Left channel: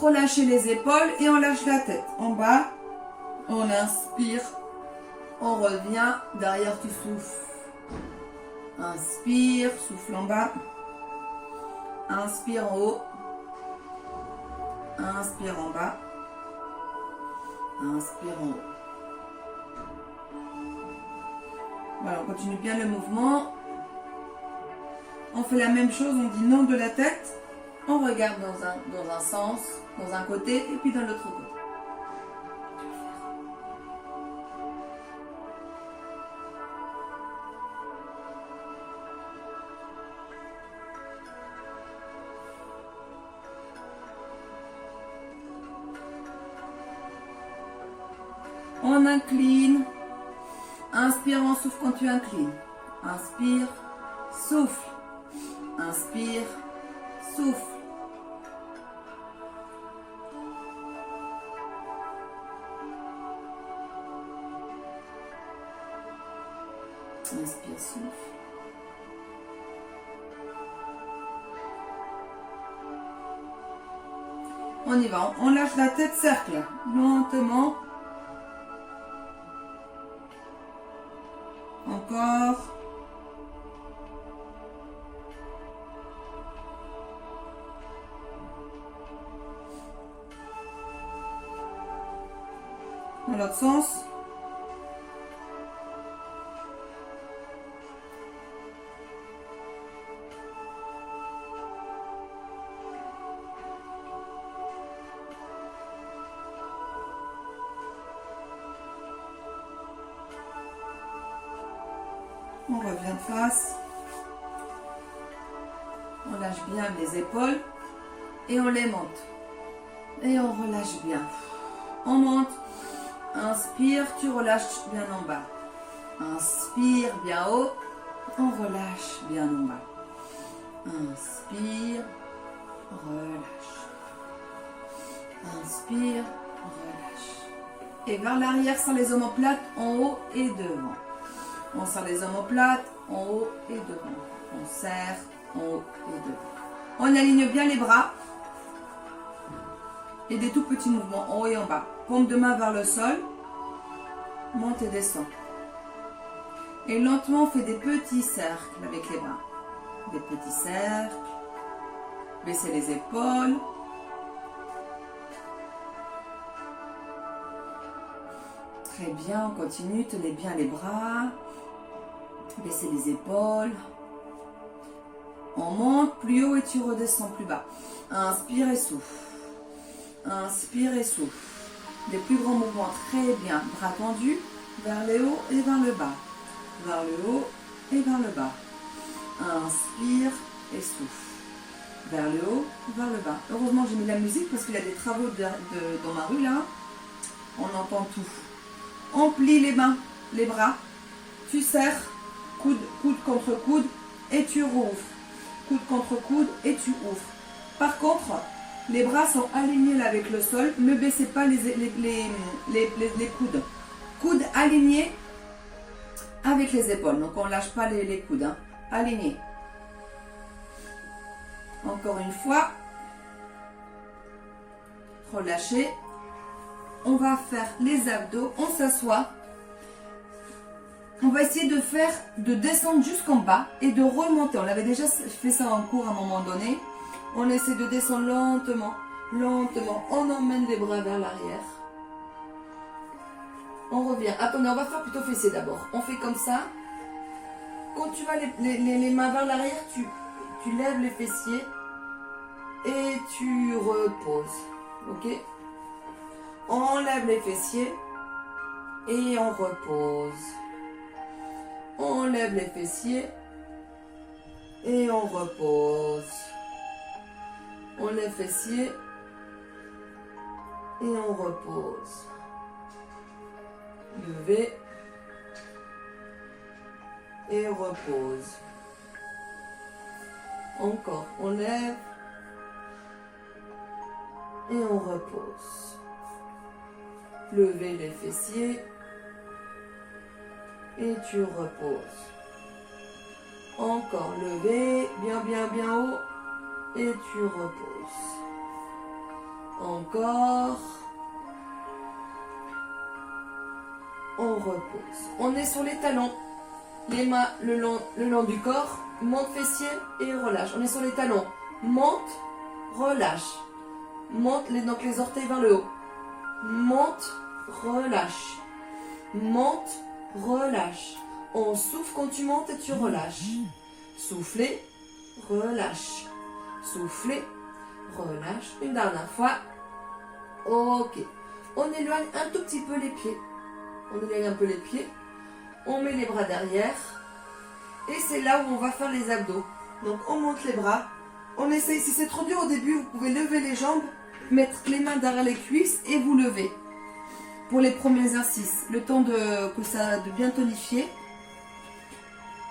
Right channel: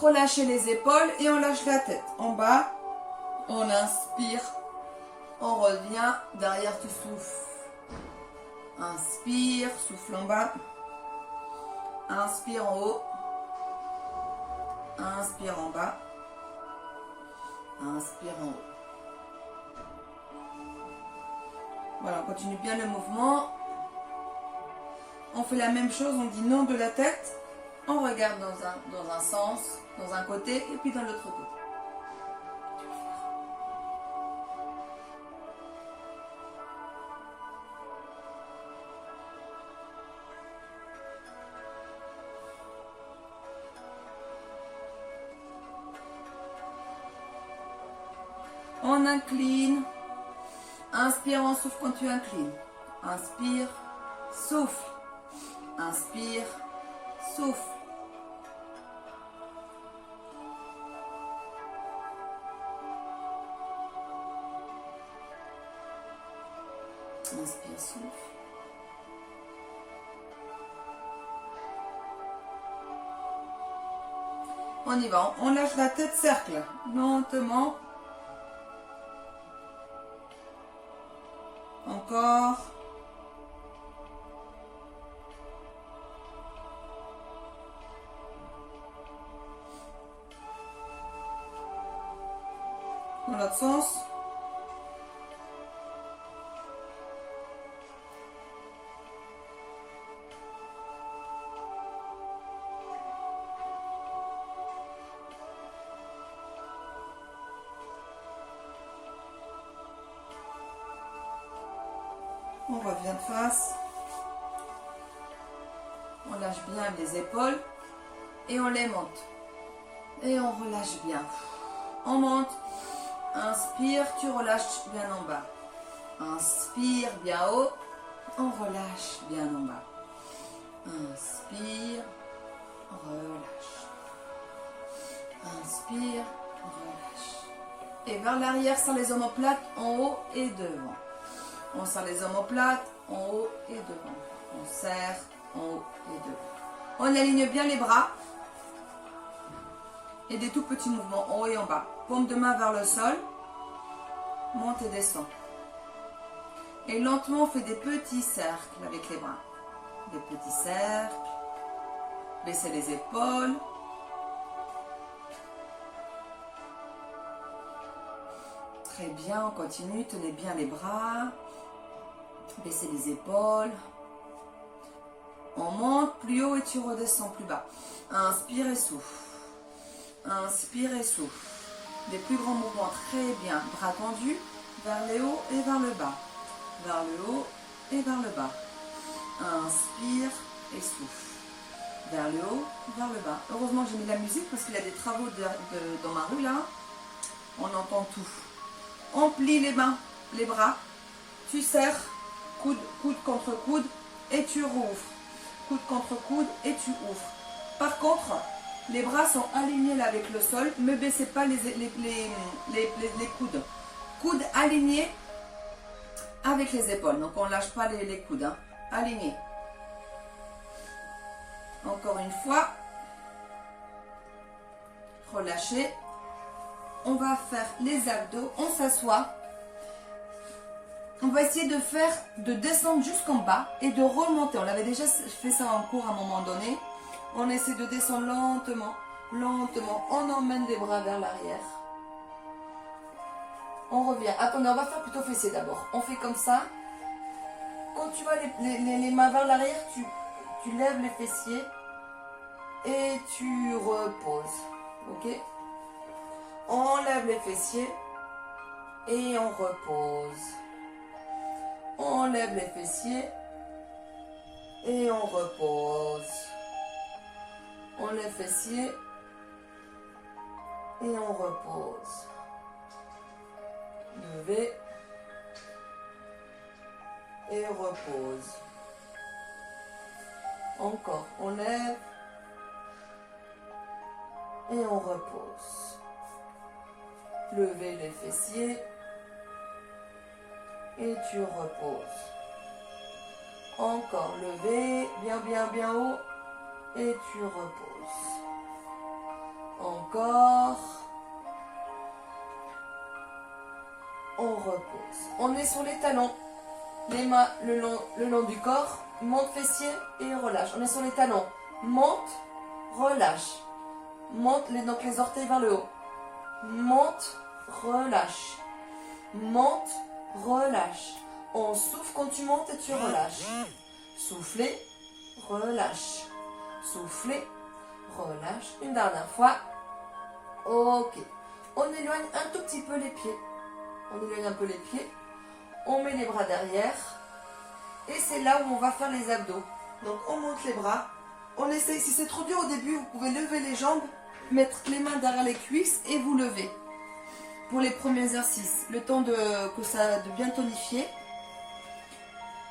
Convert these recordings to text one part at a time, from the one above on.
Relâchez les épaules et on lâche la tête. En bas, on inspire, on revient, derrière tu souffles. Inspire, souffle en bas. Inspire en haut. Inspire en bas. Inspire en haut. Voilà, on continue bien le mouvement. On fait la même chose, on dit non de la tête. On regarde dans un sens, dans un côté et puis dans l'autre côté. On incline. Inspire, on souffle quand tu inclines. Inspire, souffle. Inspire, souffle. Inspire, souffle. On y va, on lâche la tête, cercle. Lentement. Encore. Dans l'autre sens. On revient de face. On lâche bien les épaules et on les monte. Et on relâche bien. On monte. Inspire, tu relâches bien en bas. Inspire bien haut. On relâche bien en bas. Inspire, relâche. Inspire, relâche. Et vers l'arrière, sans les omoplates, en haut et devant. On serre les omoplates, en haut et devant. On serre, en haut et devant. On aligne bien les bras. Et des tout petits mouvements, en haut et en bas. Paume de main vers le sol. Monte et descend. Et lentement, on fait des petits cercles avec les bras. Des petits cercles. Baissez les épaules. Très bien, on continue. Tenez bien les bras. Baissez les épaules. On monte plus haut et tu redescends plus bas. Inspire et souffle. Inspire et souffle. Les plus grands mouvements, très bien. Bras tendus vers le haut et vers le bas. Vers le haut et vers le bas. Inspire et souffle. Vers le haut, vers le bas. Heureusement, j'ai mis la musique parce qu'il y a des travaux dans ma rue là. On entend tout. On plie les mains, les bras. Tu serres, coude contre coude et tu rouvres. Coude contre coude et tu ouvres. Par contre, les bras sont alignés là avec le sol. Ne baissez pas les coudes. Coudes alignés avec les épaules. Donc on ne lâche pas les coudes. Hein. Alignés. Encore une fois. Relâchez. On va faire les abdos. On s'assoit. On va essayer de descendre jusqu'en bas et de remonter. On avait déjà fait ça en cours à un moment donné. On essaie de descendre lentement, lentement. On emmène les bras vers l'arrière. On revient. Attendez, on va faire plutôt fessier d'abord. On fait comme ça. Quand tu vas les mains vers l'arrière, tu lèves les fessiers et tu reposes. Ok? On lève les fessiers et on repose. On lève les fessiers et on repose. On lève les fessiers et on repose. Levez et repose. Encore, on lève et on repose. Levez les fessiers et tu reposes. Encore, levez bien haut et tu reposes. On Encore. On repose. On est sur les talons. Les mains le long du corps. Monte fessier et relâche. On est sur les talons. Monte, relâche. Monte donc les orteils vers le haut. Monte, relâche. Monte, relâche. On souffle quand tu montes et tu relâches. Soufflez, relâche. Soufflez, relâche. Une dernière fois. Ok. On éloigne un tout petit peu les pieds. On éloigne un peu les pieds. On met les bras derrière. Et c'est là où on va faire les abdos. Donc on monte les bras. On essaie, si c'est trop dur au début, vous pouvez lever les jambes, mettre les mains derrière les cuisses et vous lever. Pour les premiers exercices, le temps de bien tonifier.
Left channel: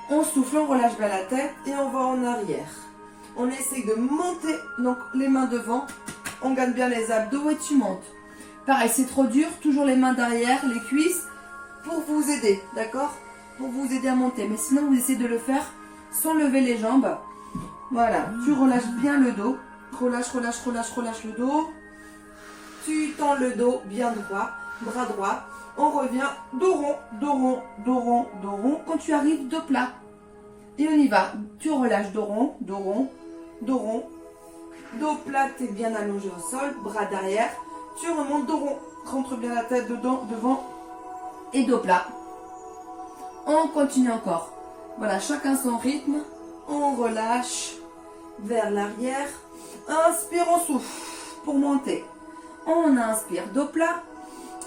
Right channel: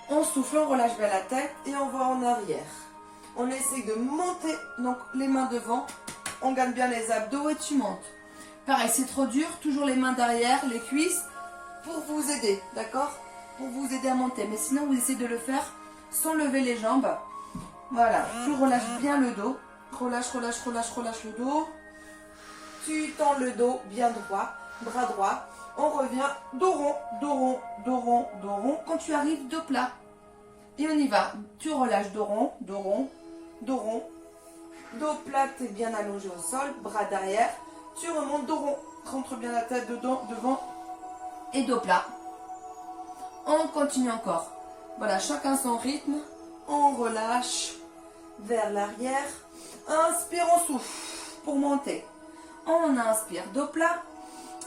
On souffle, on relâche bien la tête et on va en arrière. On essaie de monter, donc les mains devant. On gagne bien les abdos et tu montes. Pareil, c'est trop dur, toujours les mains derrière, les cuisses, pour vous aider, d'accord? Pour vous aider à monter. Mais sinon, vous essayez de le faire sans lever les jambes. Voilà, tu relâches bien le dos. Relâche, relâche, relâche, relâche le dos. Tu tends le dos bien droit, bras droit. On revient, dos rond, dos rond, dos rond, dos rond. Quand tu arrives, dos plat. Et on y va. Tu relâches dos rond, dos rond, dos rond. Dos plat, tu es bien allongé au sol, bras derrière. Tu remontes dos rond. Rentre bien la tête dedans, devant. Et dos plat. On continue encore. Voilà, chacun son rythme. On relâche vers l'arrière. Inspire, on souffle pour monter. On inspire, dos plat.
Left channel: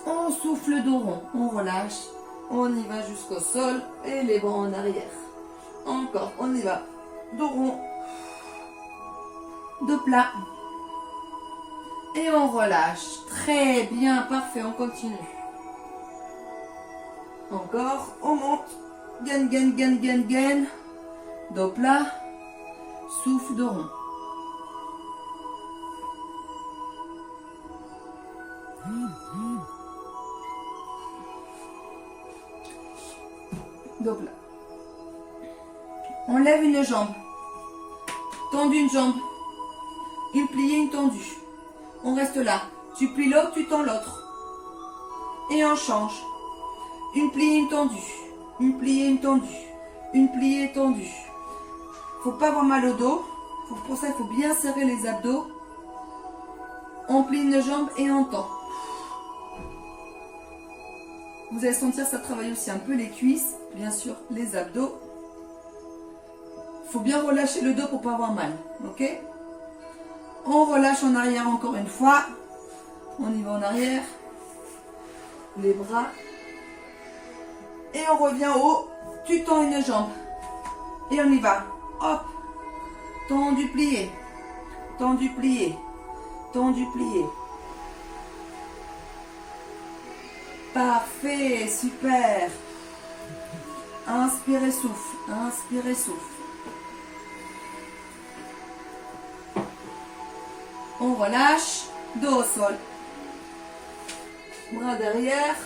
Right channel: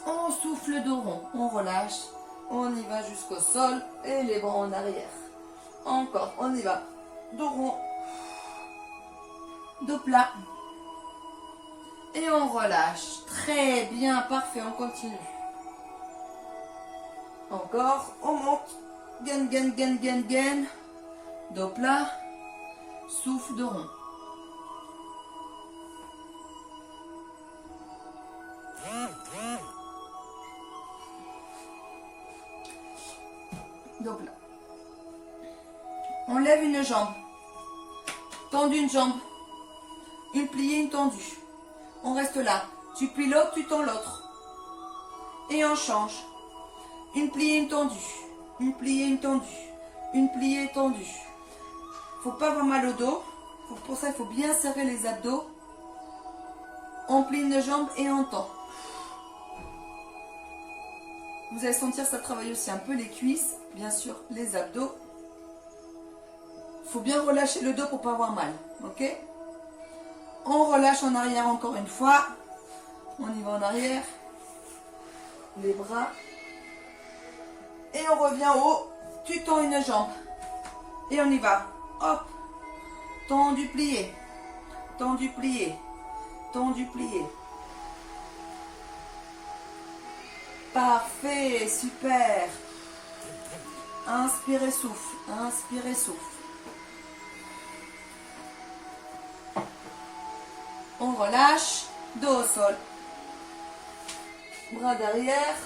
On souffle, dos rond. On relâche. On y va jusqu'au sol et les bras en arrière. Encore, on y va. Dos rond. Dos plat. Et on relâche. Très bien, parfait, on continue. Encore, on monte. Gain, gain, gain, gain, gain. Dos plat. Souffle, dos rond. Dos plat. On lève une jambe. Tendu une jambe. Une pliée, une tendue. On reste là. Tu plies l'autre, tu tends l'autre. Et on change. Une pliée, une tendue. Une pliée, une tendue. Une pliée, tendue. Faut pas avoir mal au dos. Pour ça, il faut bien serrer les abdos. On plie une jambe et on tend. Vous allez sentir ça travaille aussi un peu les cuisses, bien sûr les abdos. Il faut bien relâcher le dos pour pas avoir mal, ok? On relâche en arrière encore une fois. On y va en arrière. Les bras. Et on revient au haut. Tu tends une jambe. Et on y va. Hop. Tendu, plié. Tendu, plié. Tendu, plié. Parfait, super. Inspirez, souffle. Inspirez, souffle. On relâche. Dos au sol. Bras derrière.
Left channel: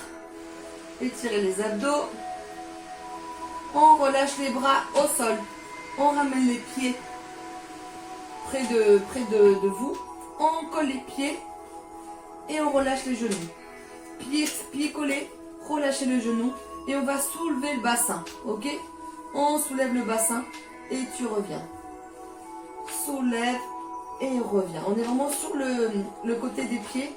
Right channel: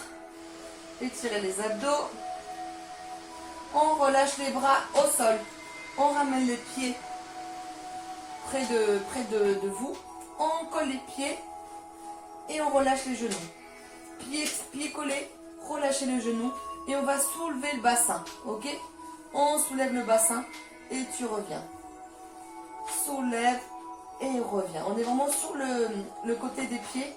Étirez les abdos. On relâche les bras au sol. On ramène les pieds près de vous. On colle les pieds et on relâche les genoux. Pieds collés, relâchez le genou et on va soulever le bassin. Ok? On soulève le bassin et tu reviens. Soulève et reviens. On est vraiment sur le côté des pieds.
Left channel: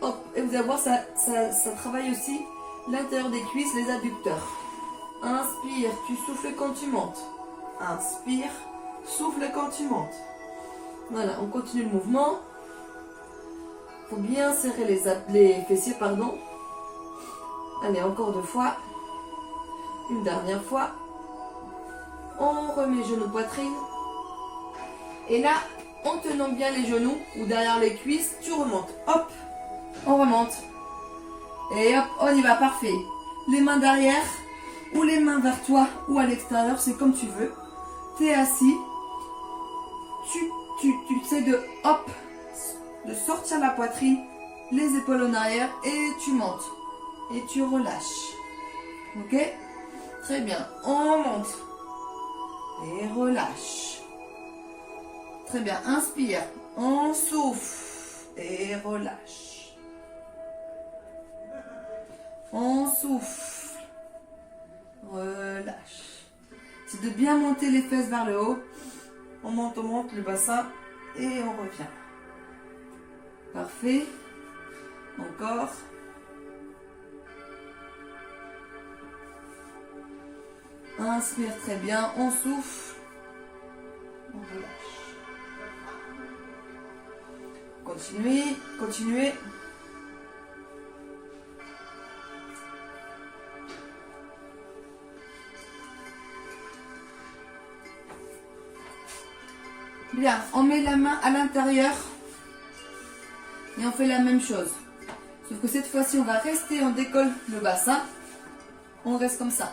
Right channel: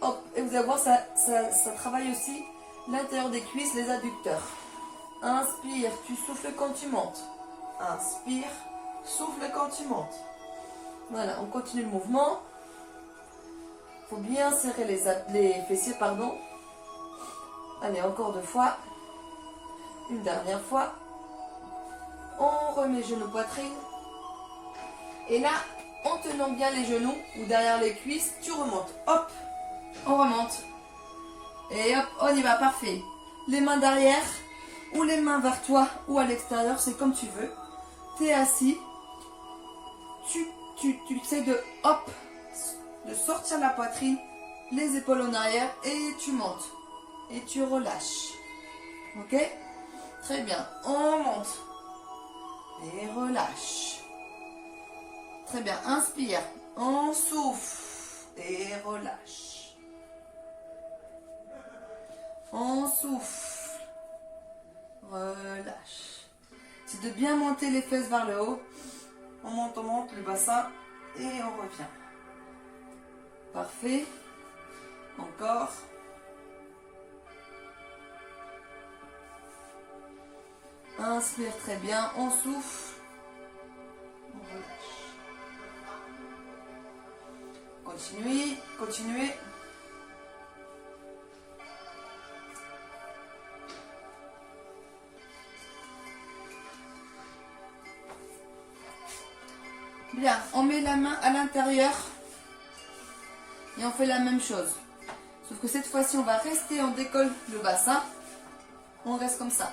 Hop, et vous allez voir, ça travaille aussi l'intérieur des cuisses, les adducteurs. Inspire, tu souffles quand tu montes. Inspire, souffle quand tu montes. Voilà, on continue le mouvement. Il faut bien serrer les fessiers, pardon. Allez, encore 2 fois. Une dernière fois. On remet genoux poitrine. Et là, en tenant bien les genoux ou derrière les cuisses, tu remontes. Hop, on remonte. Et hop, on y va, parfait. Les mains derrière ou les mains vers toi ou à l'extérieur, c'est comme tu veux. Tu es assis. Tu essaies de hop, de sortir la poitrine, les épaules en arrière et tu montes. Et tu relâches. Ok? Très bien. On monte. Et relâche. Très bien. Inspire. On souffle. et relâche. On souffle, relâche. C'est de bien monter les fesses vers le haut. On monte le bassin et on revient. Parfait. Encore. Inspire très bien, on souffle. On relâche. Continuez, continuez. Bien, on met la main à l'intérieur et on fait la même chose. Sauf que cette fois-ci, on va rester, on décolle le bassin. On reste comme ça.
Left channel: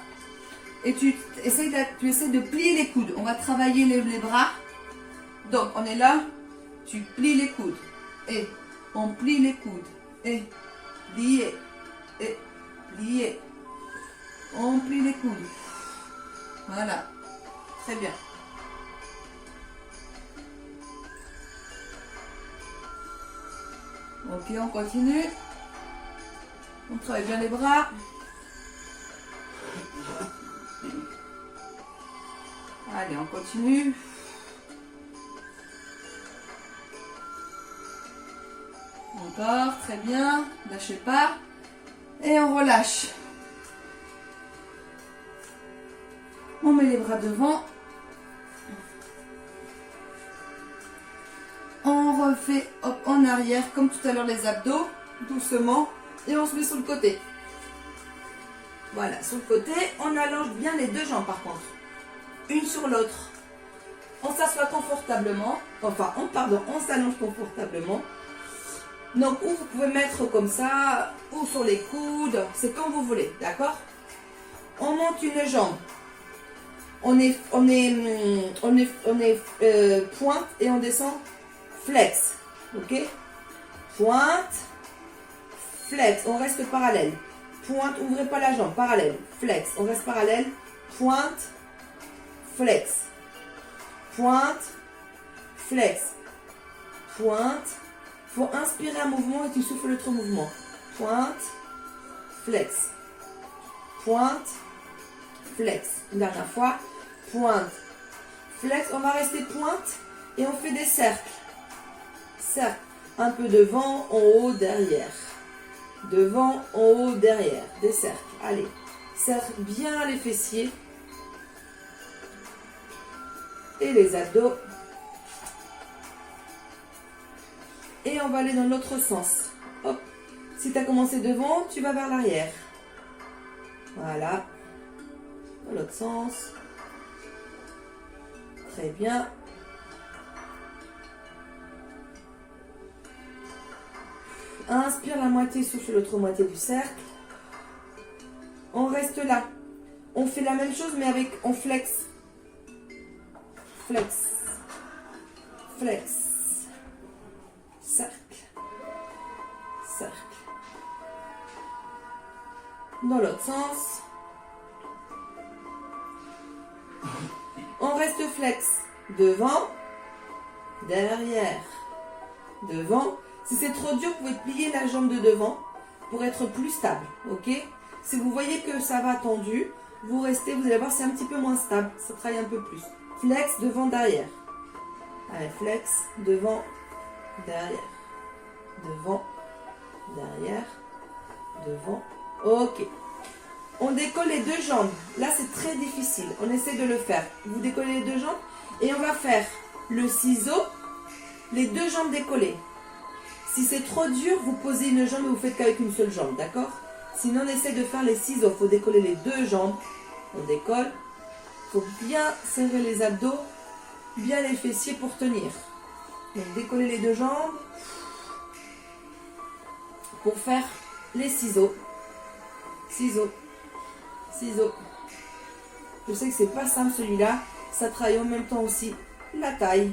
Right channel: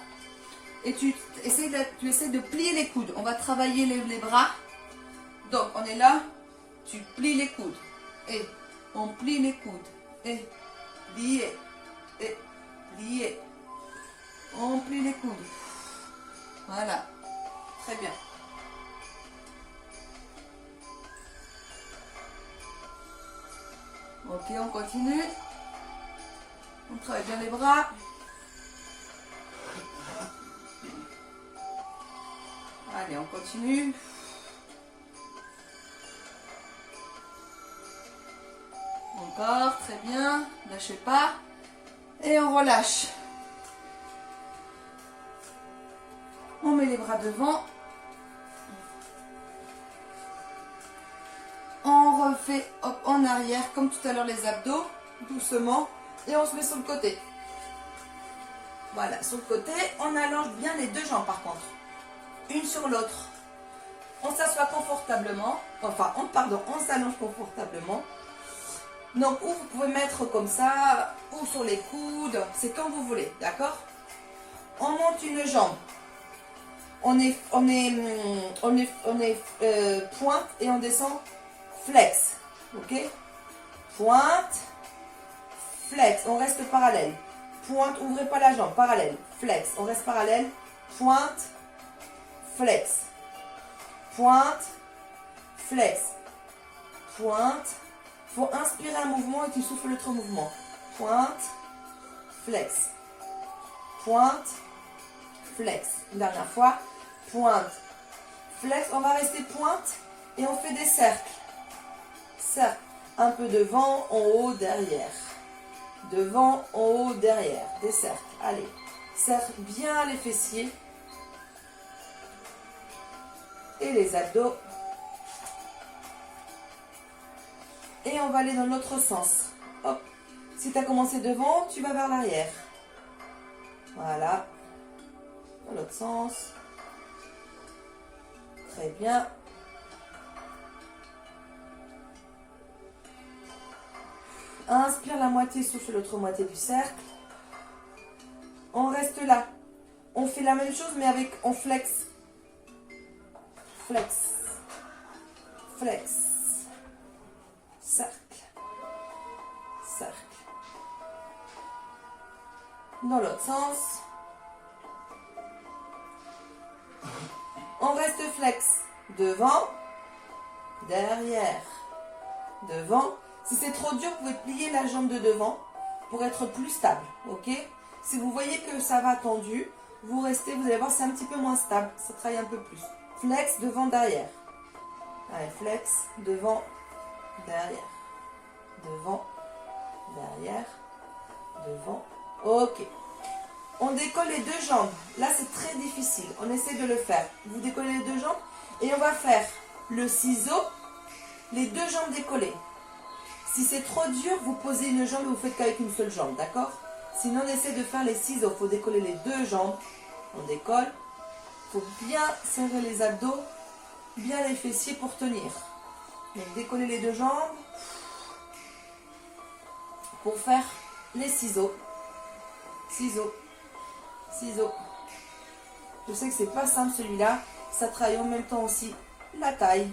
Et tu essaies de plier les coudes. On va travailler les bras. Donc, on est là. Tu plies les coudes. Et on plie les coudes. Et plier. Et plier. On plie les coudes. Voilà. Très bien. Ok, on continue. On travaille bien les bras. Allez, on continue. Encore, très bien. Lâchez pas. Et on relâche. On met les bras devant. On refait hop, en arrière, comme tout à l'heure les abdos, doucement. Et on se met sur le côté. Voilà, sur le côté, on allonge bien les deux jambes par contre. Une sur l'autre. On s'assoit confortablement. Enfin, on s'allonge confortablement. Donc, ou vous pouvez mettre comme ça, ou sur les coudes. C'est comme vous voulez, d'accord? On monte une jambe. On est pointe et on descend flex. Ok? Pointe, flex. On reste parallèle. Pointe, ouvrez pas la jambe. Parallèle. Flex. On reste parallèle. Pointe, flex. Pointe, flex. Pointe. Il faut inspirer un mouvement et tu souffles l'autre mouvement. Pointe, flex. Pointe, flex. Une dernière fois. Pointe, flex. On va rester pointe et on fait des cercles. Cercle. Un peu devant, en haut, derrière. Devant, en haut, derrière. Des cercles. Allez. Serre bien les fessiers. Et les abdos. Et on va aller dans l'autre sens. Hop. Si tu as commencé devant, tu vas vers l'arrière. Voilà. Dans l'autre sens. Très bien. Inspire la moitié, souffle l'autre moitié du cercle. On reste là. On fait la même chose, mais avec, on flex. Flex. Flex. Cercle. Cercle. Dans l'autre sens. On reste flex. Devant. Derrière. Devant. Si c'est trop dur, vous pouvez plier la jambe de devant pour être plus stable. Ok? Si vous voyez que ça va tendu, vous restez, vous allez voir, c'est un petit peu moins stable. Ça travaille un peu plus. Flex, devant, derrière. Allez, flex, devant, derrière. Devant, derrière, devant. Ok. On décolle les deux jambes. Là, c'est très difficile. On essaie de le faire. Vous décollez les deux jambes et on va faire le ciseau, les deux jambes décollées. Si c'est trop dur, vous posez une jambe et vous faites qu'avec une seule jambe, d'accord? Sinon, on essaie de faire les ciseaux. Il faut décoller les deux jambes. On décolle. Il faut bien serrer les abdos, bien les fessiers pour tenir. Donc, décoller les deux jambes pour faire les ciseaux. Ciseaux. Ciseaux. Je sais que c'est pas simple celui-là. Ça travaille en même temps aussi la taille.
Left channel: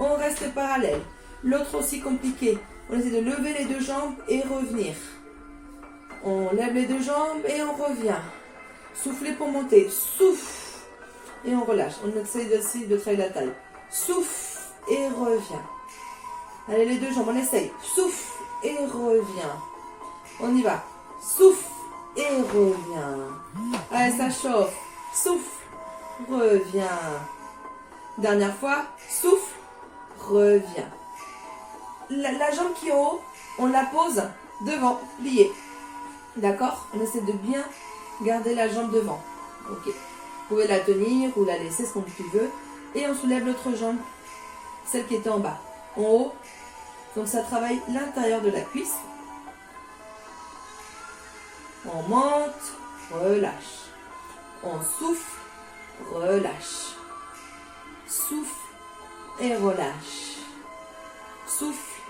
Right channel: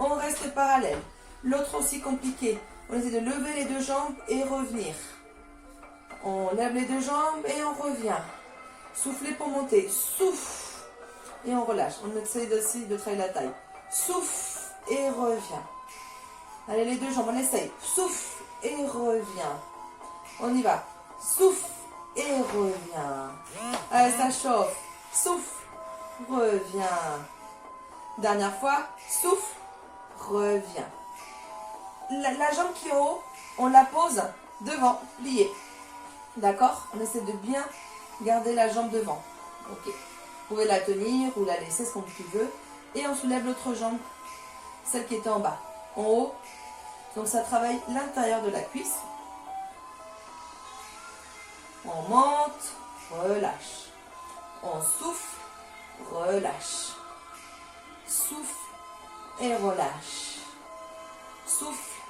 On reste parallèle. L'autre aussi compliqué. On essaie de lever les deux jambes et revenir. On lève les deux jambes et on revient. Soufflez pour monter. Souffle. Et on relâche. On essaie aussi de travailler la taille. Souffle et revient. Allez, les deux jambes, on essaye. Souffle et reviens. On y va. Souffle et reviens. Allez, ça chauffe. Souffle, reviens. Dernière fois. Souffle, reviens. La jambe qui est en haut, on la pose devant, pliée. D'accord? On essaie de bien garder la jambe devant. Ok. Vous pouvez la tenir ou la laisser, ce qu'on tu veux. Et on soulève l'autre jambe, celle qui était en bas. En haut. Donc ça travaille l'intérieur de la cuisse. On monte, relâche. On souffle, relâche. Souffle et relâche. Souffle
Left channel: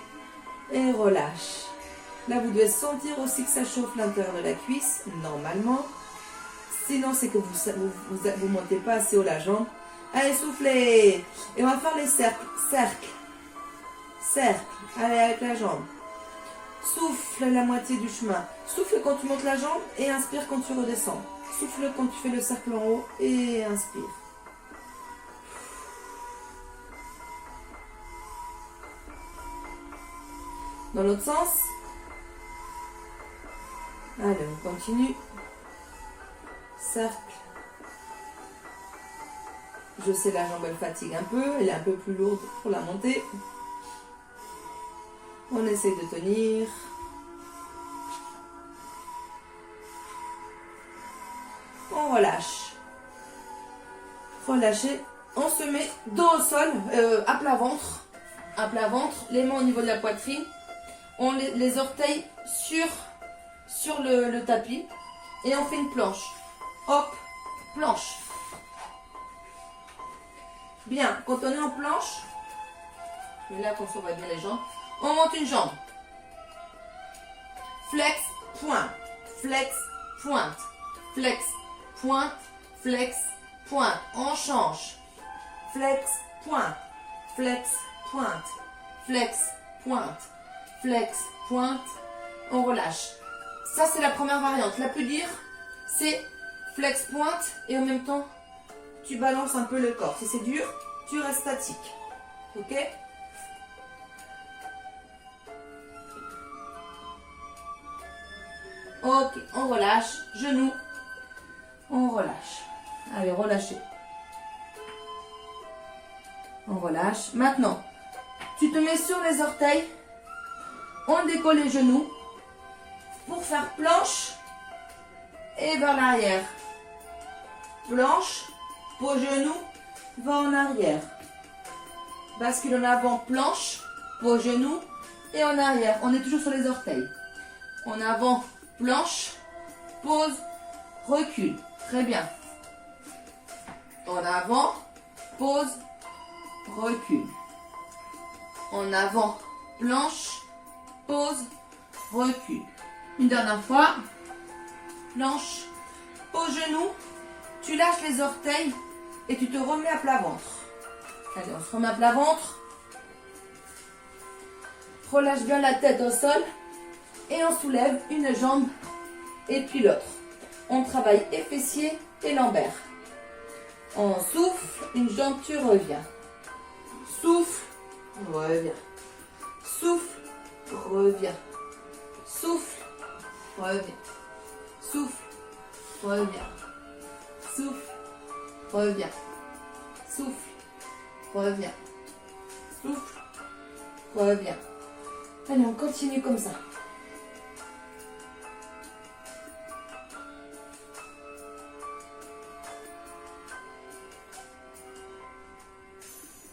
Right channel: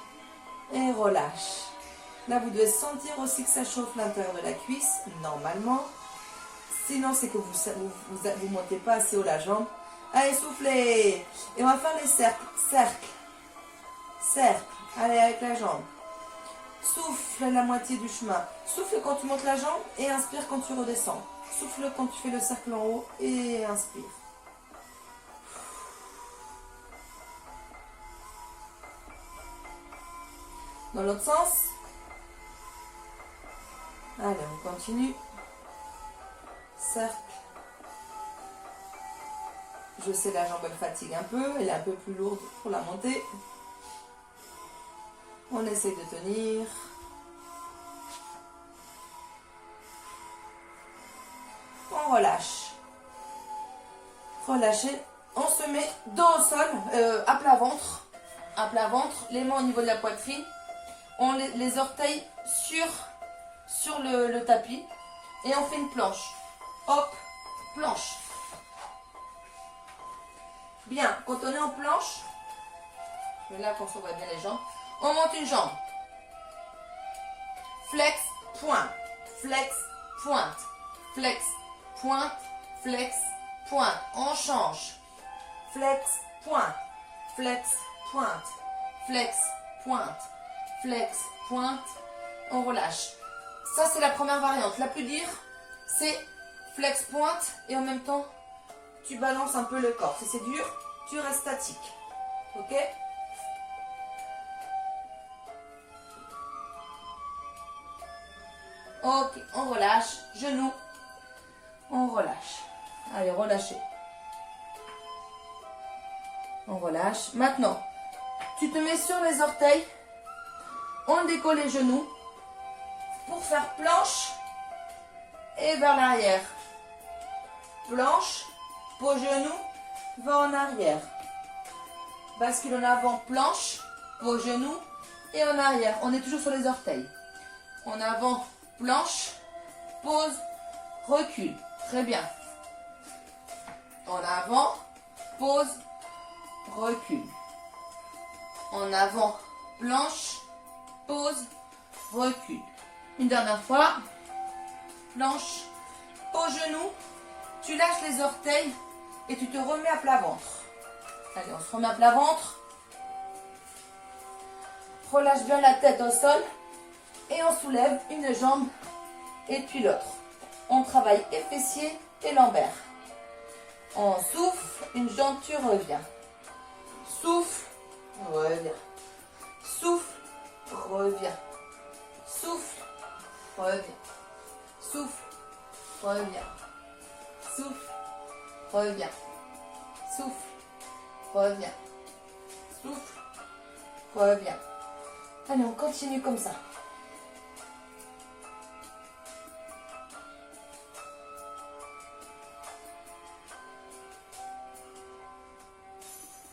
et relâche. Là, vous devez sentir aussi que ça chauffe l'intérieur de la cuisse, normalement. Sinon, c'est que vous montez pas assez haut la jambe. Allez, soufflez. Et on va faire les cercles. Cercle. Cercle. Allez, avec la jambe. Souffle la moitié du chemin. Souffle quand tu montes la jambe et inspire quand tu redescends. Souffle quand tu fais le cercle en haut et inspire. Dans l'autre sens. Allez, on continue. Cercle. Je sais, la jambe elle fatigue un peu, elle est un peu plus lourde pour la monter. On essaie de tenir. On relâche. Relâchez. On se met dos au sol, à plat ventre. À plat ventre, les mains au niveau de la poitrine. On les orteils sur le tapis. Et on fait une planche. Hop, planche. Bien, quand on est en planche, et là, comme ça, on va bien les jambes. On monte une jambe. Flex, pointe. Flex, pointe. Flex, pointe. Flex, pointe. On change. Flex, pointe. Flex, pointe. Flex, pointe. Flex, pointe. On relâche. Ça, c'est la première variante. La plus dure, c'est flex, pointe. Et en même temps, tu balances un peu le corps. Si c'est dur, tu restes statique. Ok? Ok, on relâche. Genoux. On relâche. Allez, relâchez. On relâche. Maintenant, tu te mets sur les orteils. On décolle les genoux pour faire planche et vers l'arrière. Planche, pose genou, va en arrière. Bascule en avant, planche, pose genou et en arrière. On est toujours sur les orteils. En avant, planche, pose, recule. Très bien. En avant, pose, recule. En avant, planche, pose, recule. Une dernière fois. Planche, pose genou. Tu lâches les orteils et tu te remets à plat ventre. Allez, on se remet à plat ventre. Relâche bien la tête au sol. Et on soulève une jambe et puis l'autre. On travaille et fessiers et lombaires. On souffle, une jambe, tu reviens. Souffle, reviens. Souffle, reviens. Souffle, reviens. Souffle, reviens. Souffle, reviens. Souffle, reviens. Souffle, reviens. Allez, on continue comme ça.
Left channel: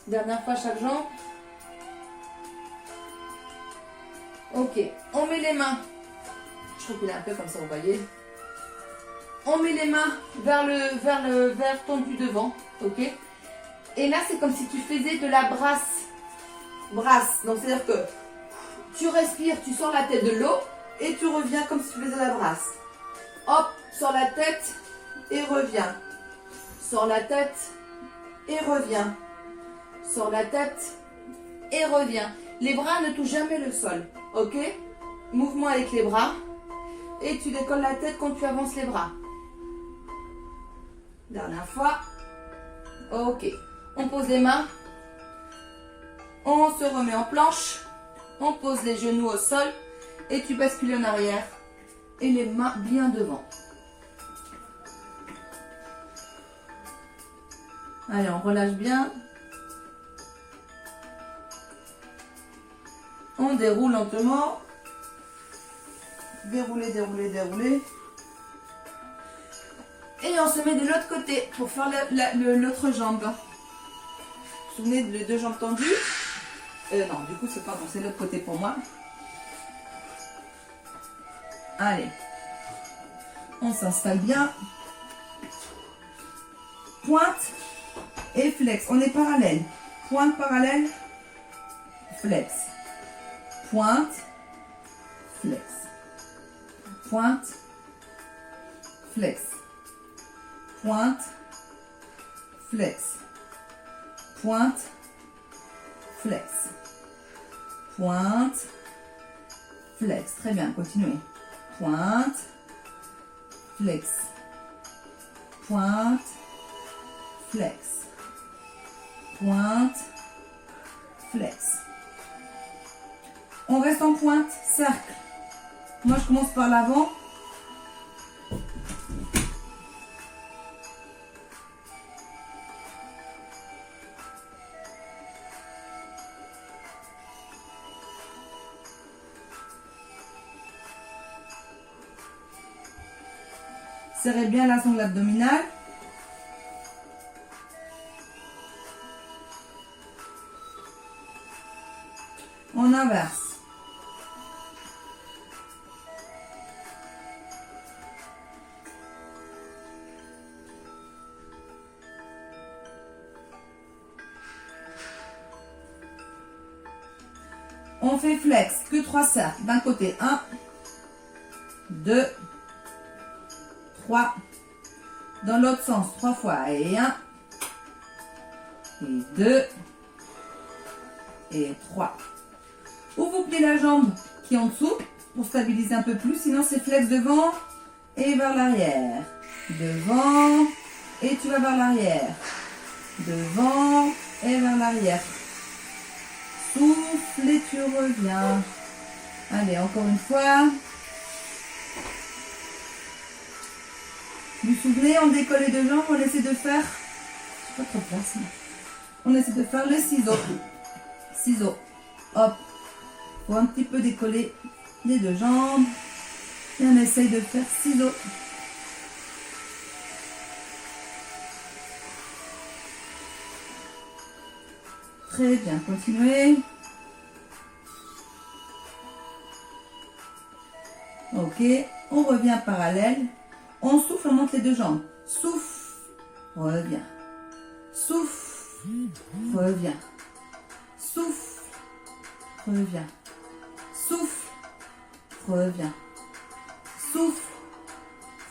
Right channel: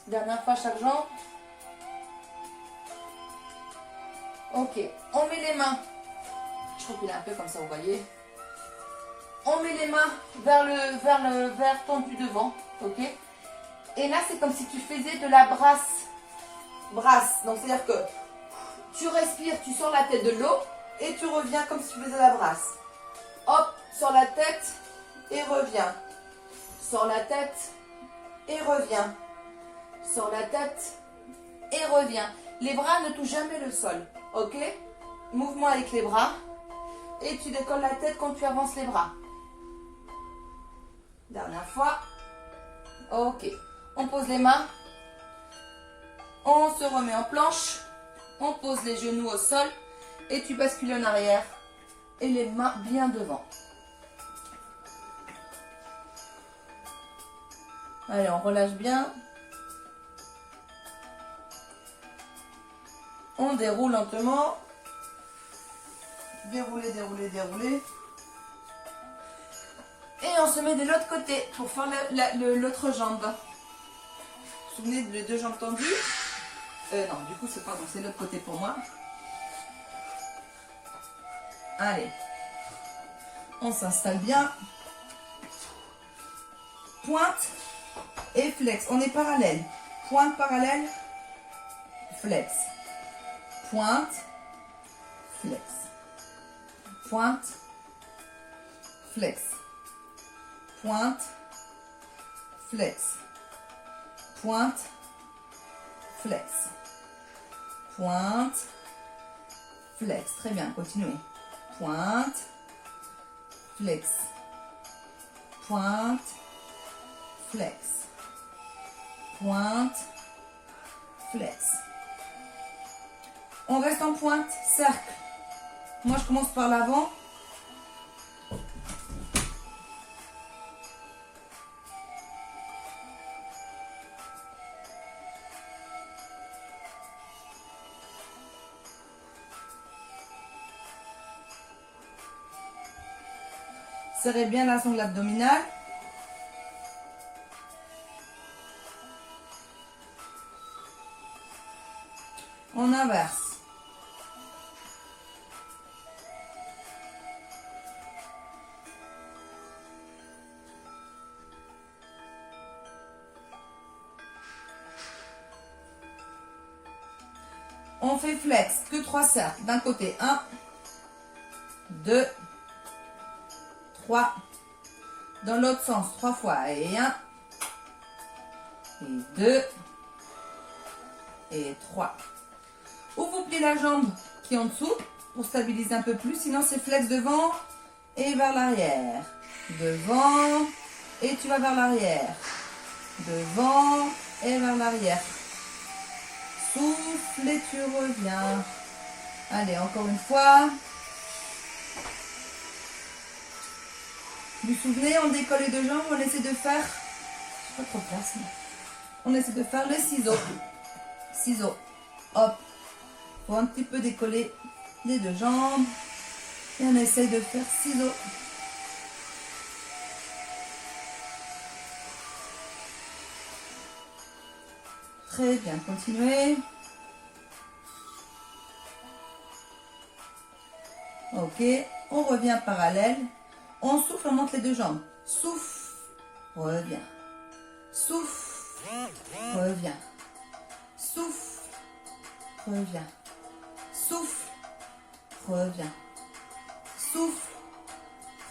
Dernière fois chaque jambe. Ok, on met les mains. Je recule un peu comme ça, vous voyez. On met les mains vers tendu devant, ok. Et là, c'est comme si tu faisais de la brasse. Brasse. Donc, c'est-à-dire que tu respires, tu sors la tête de l'eau et tu reviens comme si tu faisais la brasse. Hop, sors la tête et reviens. Sors la tête et reviens. Sors la tête et reviens. Les bras ne touchent jamais le sol, ok. Mouvement avec les bras et tu décolles la tête quand tu avances les bras. Dernière fois. Ok. On pose les mains. On se remet en planche. On pose les genoux au sol et tu bascules en arrière et les mains bien devant. Allez, on relâche bien. On déroule lentement. Dérouler, dérouler, dérouler. Et on se met de l'autre côté pour faire l'autre jambe. Vous vous souvenez de les deux jambes tendues? Non, du coup, c'est l'autre côté pour moi. Allez. On s'installe bien. Pointe et flex. On est parallèle. Pointe parallèle. Flex. Pointe. Flex. Pointe. Flex. Pointe. Flex. Pointe. Flex. Pointe. Flex. Très bien, continuez. Pointe. Flex. Pointe. Flex. Pointe. Flex. On reste en pointe, cercle. Moi, je commence par l'avant. Serrez bien la sangle abdominale. On inverse. On fait flex, que 3 cercles. D'un côté, 1, 2, 3. Dans l'autre sens, 3 fois. Et 1, et 2, et 3. Ou vous pliez la jambe qui est en dessous pour stabiliser un peu plus. Sinon, c'est flex devant et vers l'arrière. Devant et tu vas vers l'arrière. Devant et vers l'arrière. Souffle et tu reviens. Allez, encore une fois. Vous vous souvenez, on décolle les deux jambes, on essaie de faire... Pas trop de place, mais... On essaie de faire le ciseau. Ciseau. Hop. Pour un petit peu décoller les deux jambes. Et on essaye de faire ciseau. Très bien, continuez. Ok, on revient parallèle. On souffle, on monte les deux jambes. Souffle, revient. Souffle, revient. Souffle, revient. Souffle, revient. Souffle,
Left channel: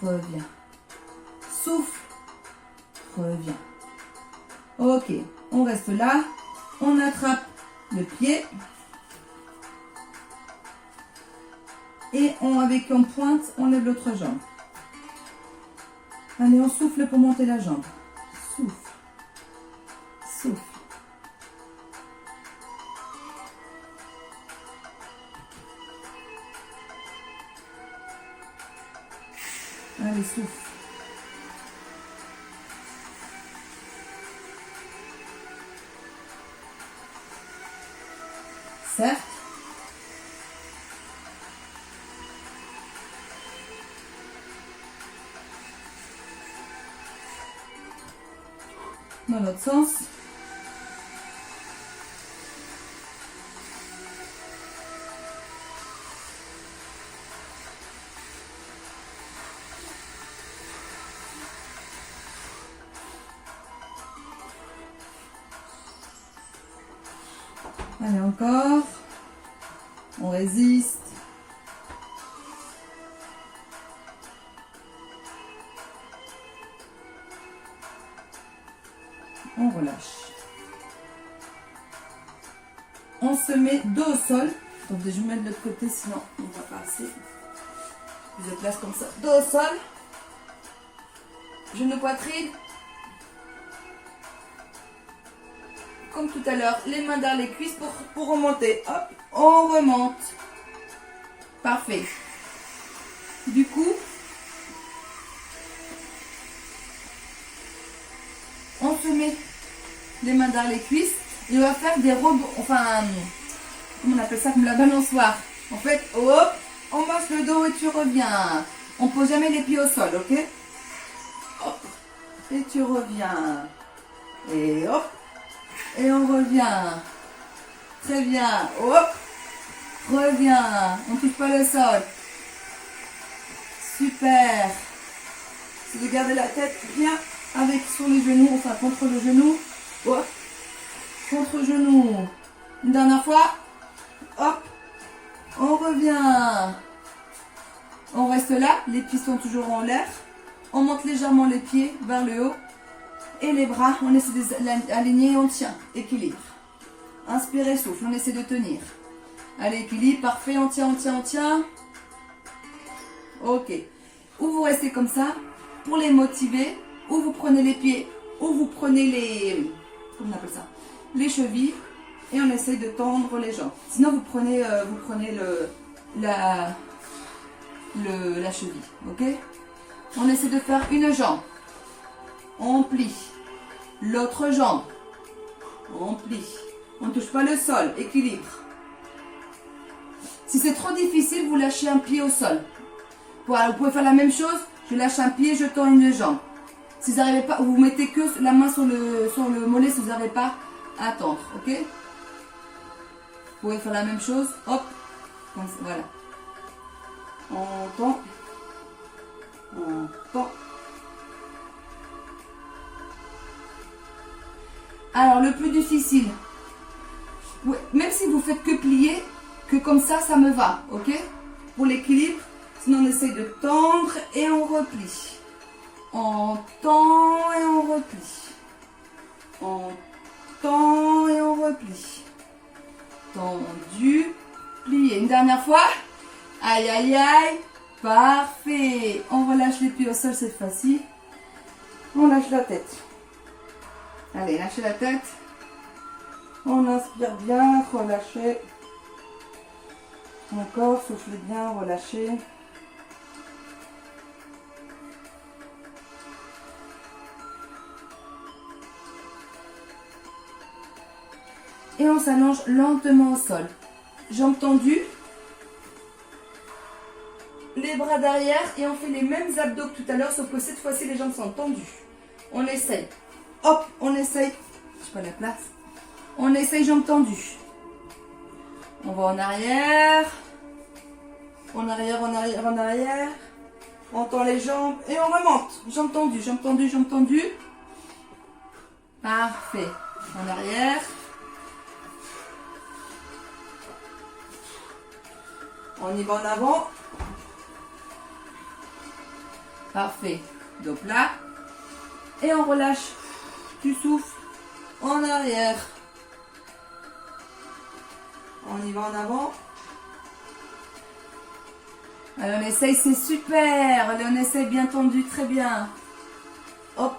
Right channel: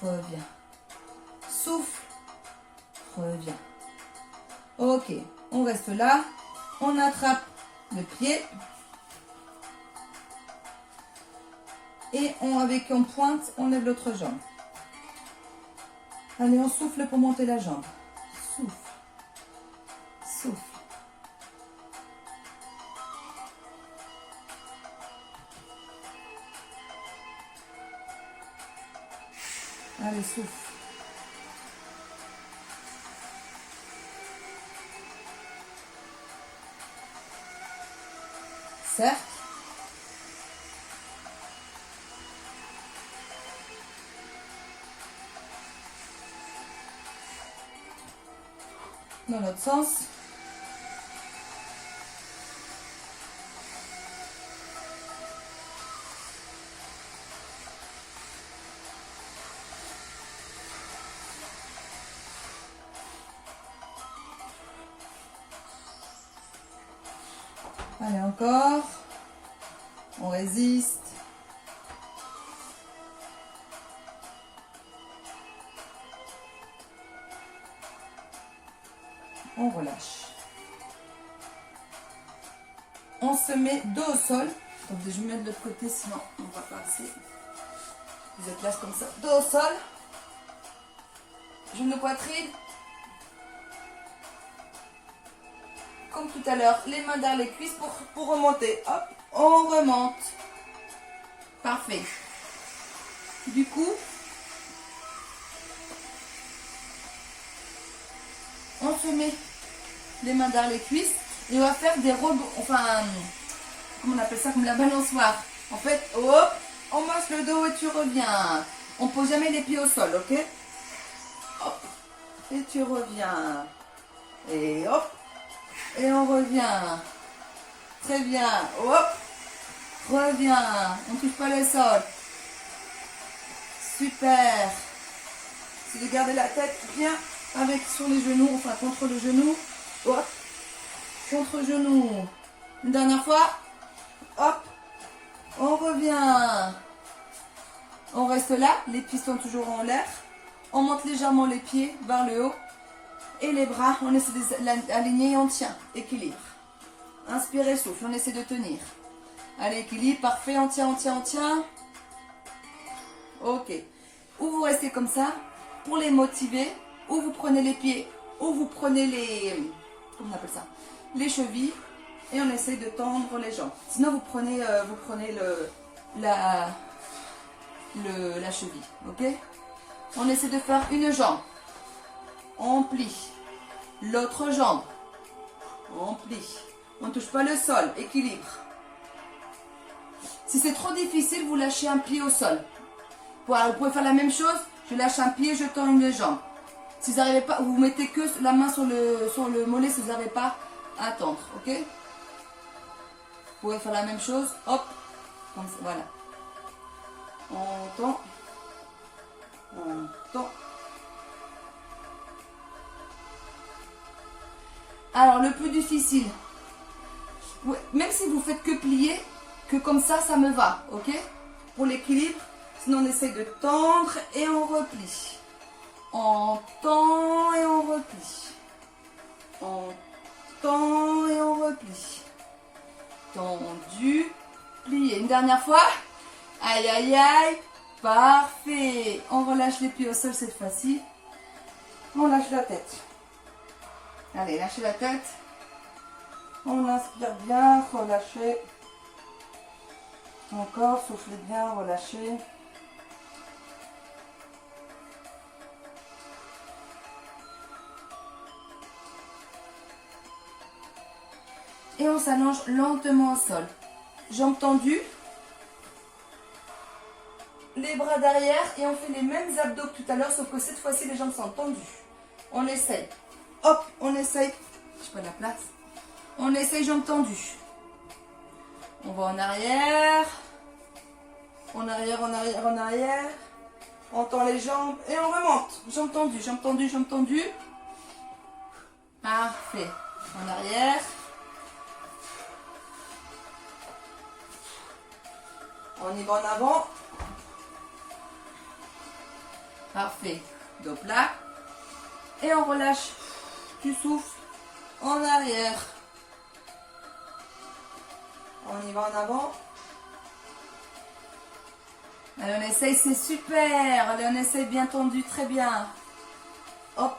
revient. Souffle, revient. Ok, on reste là. On attrape le pied. Et avec une pointe, on lève l'autre jambe. Allez, on souffle pour monter la jambe. Souffle. Souffle. Allez, souffle. Cercle. Dans l'autre sens. Allez, encore. On résiste. On relâche. On se met dos au sol. Donc je vais mettre de l'autre côté, sinon on ne va pas passer. Vous êtes là comme ça. Dos au sol. Genou poitrine. comme tout à l'heure, les mains dans les cuisses pour remonter. Hop, on remonte. Parfait. Du coup, on se met les mains dans les cuisses et on va faire des robes, enfin, comment on appelle ça, comme la balançoire. En fait, hop, on masse le dos et tu reviens. On pose jamais les pieds au sol, ok? Hop, et tu reviens. Et hop, et on revient. Très bien, hop, reviens. On ne touche pas le sol. Super. C'est de garder la tête bien avec sur les genoux, enfin contre le genou. Hop, contre le genou. Une dernière fois. Hop, on revient. On reste là, les pieds sont toujours en l'air. On monte légèrement les pieds vers le haut. Et les bras, on essaie d'aligner et on tient. Équilibre. Inspirez, souffle, on essaie de tenir. Allez, équilibre, parfait, on tient, on tient, on tient. Ok. Ou vous restez comme ça pour les motiver, ou vous prenez les pieds, ou vous prenez les, comment on appelle ça, les chevilles, et on essaie de tendre les jambes. Sinon vous prenez la cheville, ok? On essaie de faire une jambe, on plie, l'autre jambe, on plie, on ne touche pas le sol, équilibre. Si c'est trop difficile, vous lâchez un pied au sol. Voilà, vous pouvez faire la même chose, je lâche un pied, je tends une jambe. Si vous n'arrivez pas, vous mettez que la main sur le mollet si vous n'arrivez pas à tendre, ok? Vous pouvez faire la même chose, hop, comme ça, voilà. On tend, on tend. Alors, le plus difficile, même si vous faites que plier, que comme ça, ça me va, ok? Pour l'équilibre. Sinon, on essaye de tendre et on replie. On tend et on replie. On tend et on replie. Tendu, plié. Une dernière fois. Aïe, aïe, aïe. Parfait. On relâche les pieds au sol cette fois-ci. On lâche la tête. Allez, lâchez la tête. On inspire bien, relâchez. Encore, soufflez bien, relâchez. Et on s'allonge lentement au sol. Jambes tendues. Les bras derrière et on fait les mêmes abdos que tout à l'heure, sauf que cette fois-ci les jambes sont tendues. On essaye. Hop, on essaye. Je sais pas la place. On essaye jambes tendues. On va en arrière. En arrière, en arrière, en arrière. On tend les jambes et on remonte. Jambes tendues, jambes tendues, jambes tendues. Parfait. En arrière. On y va en avant. Parfait. Dos plat. Et on relâche. Tu souffles. En arrière. On y va en avant. Allez, on essaye, c'est super. Allez, on essaye bien tendu, très bien. Hop.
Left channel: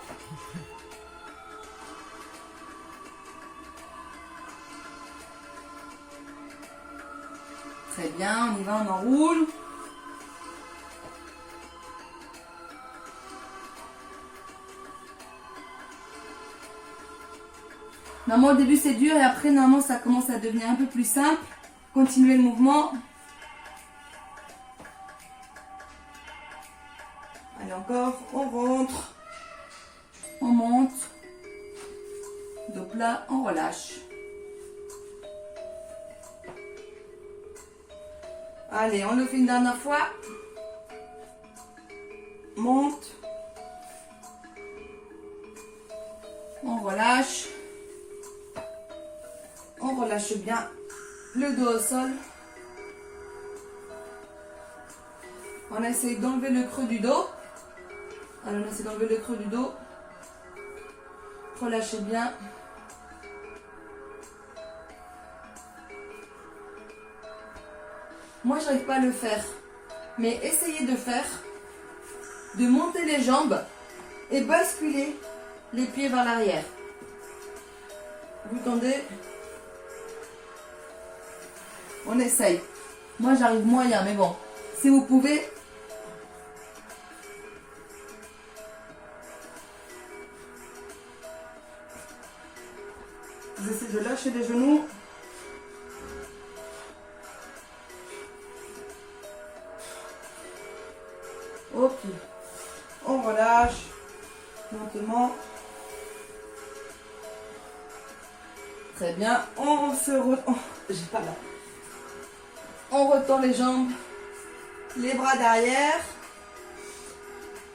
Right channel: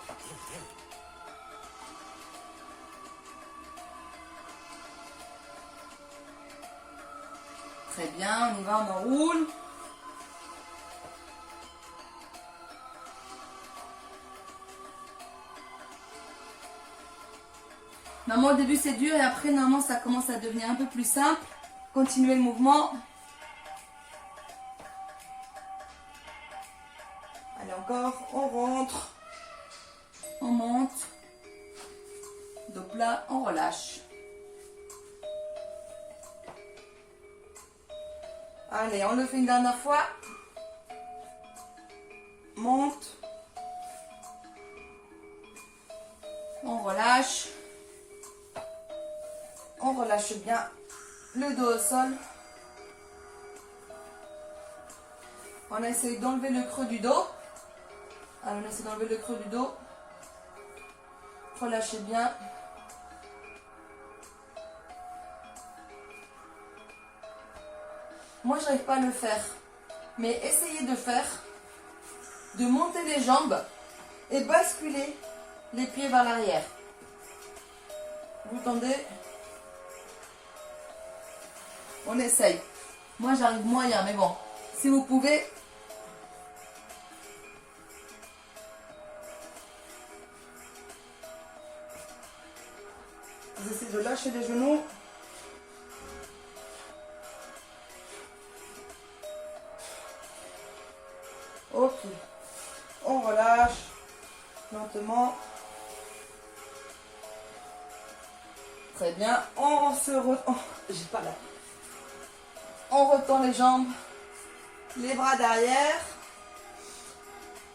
Très bien, on y va, on enroule. Normalement, au début, c'est dur et après, normalement, ça commence à devenir un peu plus simple. Continuez le mouvement. Allez, encore, on rentre. On monte. Dos plat, on relâche. Allez, on le fait une dernière fois. Monte. On relâche. On relâche bien le dos au sol. On essaye d'enlever le creux du dos. Alors, on essaie d'enlever le creux du dos. Relâchez bien. Moi, je n'arrive pas à le faire. Mais essayez de faire. De monter les jambes et basculer les pieds vers l'arrière. Vous tendez. On essaye. Moi, j'arrive moyen, mais bon. Si vous pouvez. Vous essayez de lâcher les genoux. Ok. On relâche. Lentement. Très bien. On se retend. J'ai pas là. On retend les jambes. Les bras derrière.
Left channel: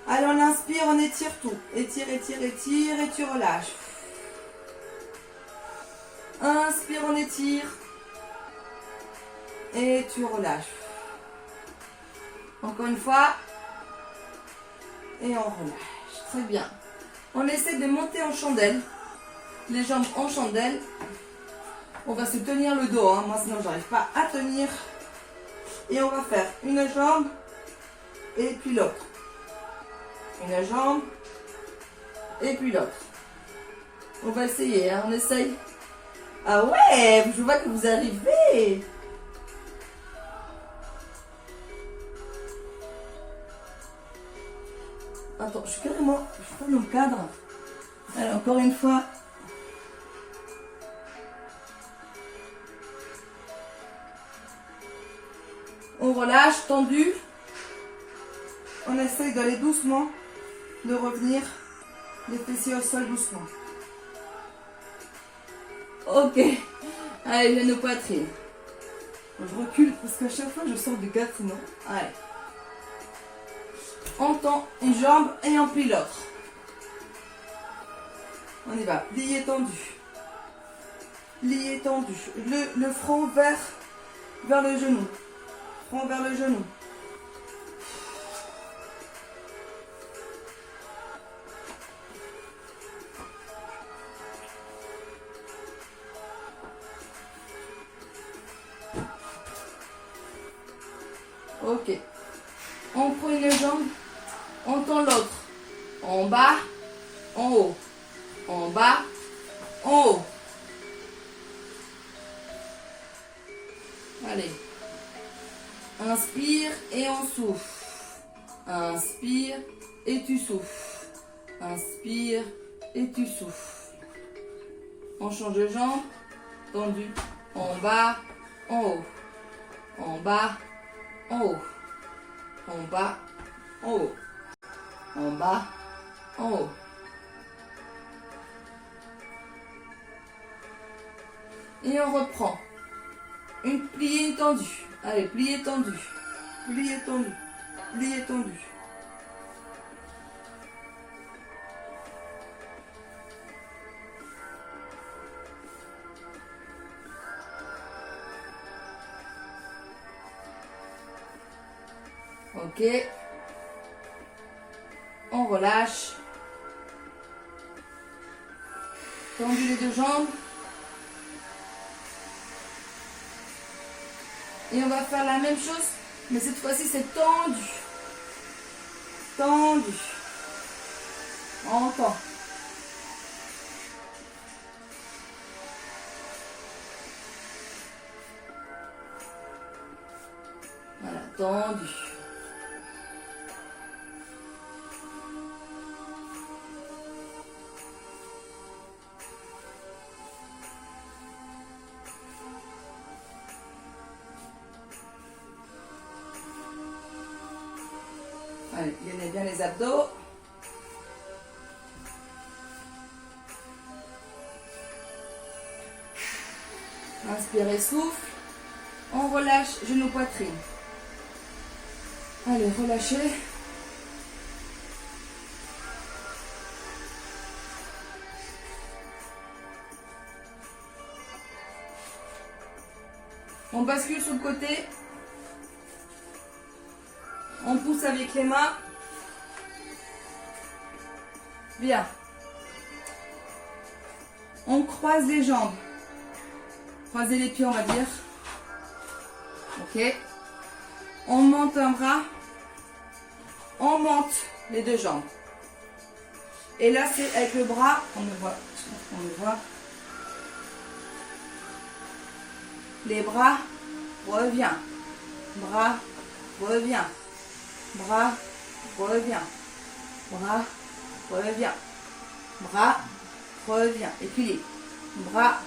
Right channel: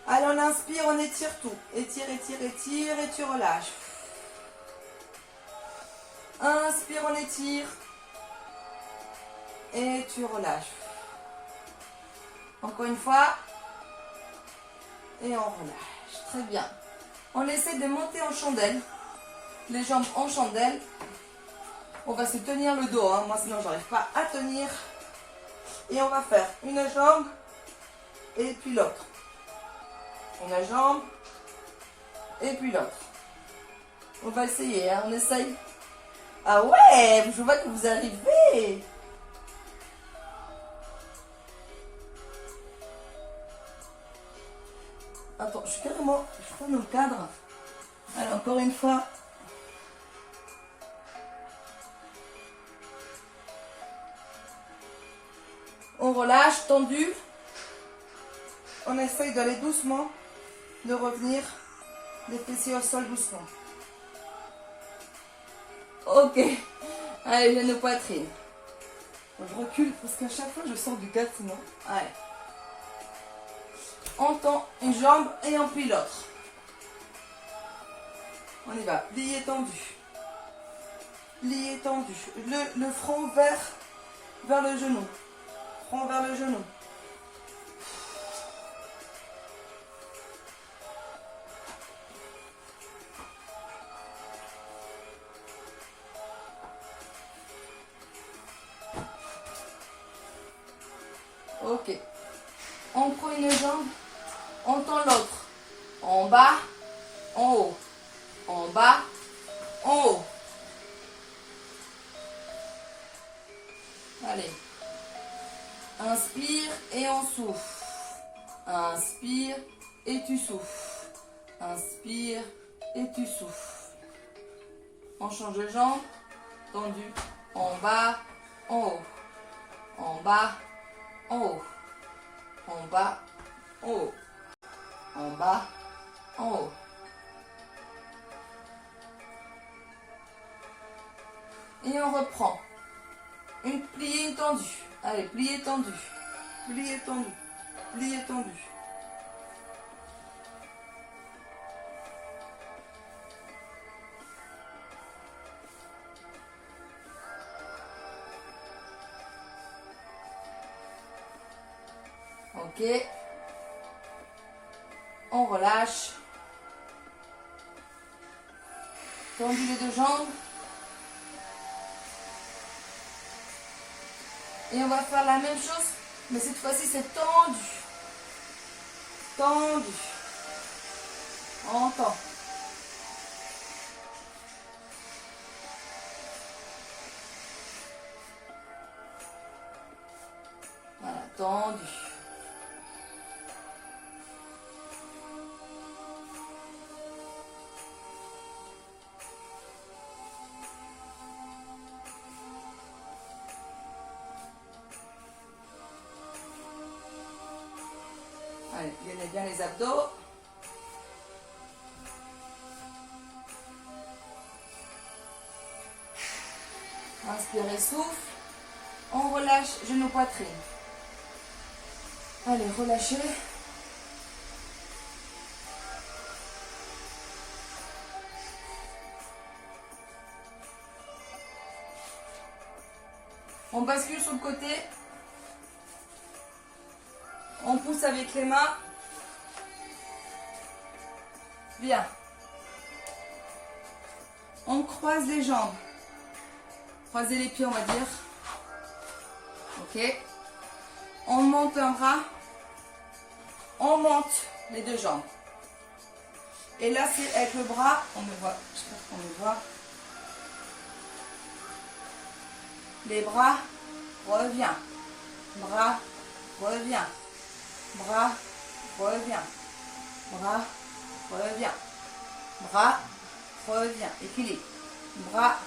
Allez, on inspire, on étire tout. Étire, étire, étire et tu relâches. Inspire, on étire. Et tu relâches. Encore une fois. Et on relâche. Très bien. On essaie de monter en chandelle. Les jambes en chandelle. On va se tenir le dos. Hein. Moi, sinon, j'arrive pas à tenir. Et on va faire une jambe et puis l'autre. Une jambe et puis l'autre. On va essayer. Hein. On essaye. Ah ouais, je vois que vous arrivez. Attends, je suis carrément... Je prends le cadre. Alors, encore une fois. On relâche, tendu. On essaye d'aller doucement, de revenir les fessiers au sol doucement. Ok. Allez, viens nos poitrines. Je recule parce qu'à chaque fois je sors du cadre sinon. Allez. On tend une jambe et on plie l'autre. On y va. Plié tendu. Plié tendu. Le front vers le genou. Front vers le genou. Ok. On prend une jambe, on tend l'autre. En bas, en haut. En bas, en haut. Allez. Inspire et on souffle. Inspire et tu souffles. Inspire et tu souffles. On change de jambe. Tendu. En bas, en haut. En bas, en haut. En bas, en haut. En bas, en haut. Et on reprend. Une pliée, une tendue. Allez, plié, tendu. Plié, tendu. Plié, tendu. Ok. On relâche. Tendu les deux jambes. Et on va faire la même chose, mais cette fois-ci c'est tendu. Tendu. On tend. Voilà, tendu. Allez, gainez bien les abdos. Inspirez, souffle. On relâche genou poitrine. Allez, relâchez. On bascule sur le côté. On pousse avec les mains. Bien. On croise les jambes. Croisez les pieds, on va dire. Ok. On monte un bras. On monte les deux jambes. Et là, c'est avec le bras. On le voit. Je pense qu'on le voit. Les bras, reviens. Bras, reviens. Bras, reviens. Bras, reviens. Bras, reviens. Équilibre. Bras,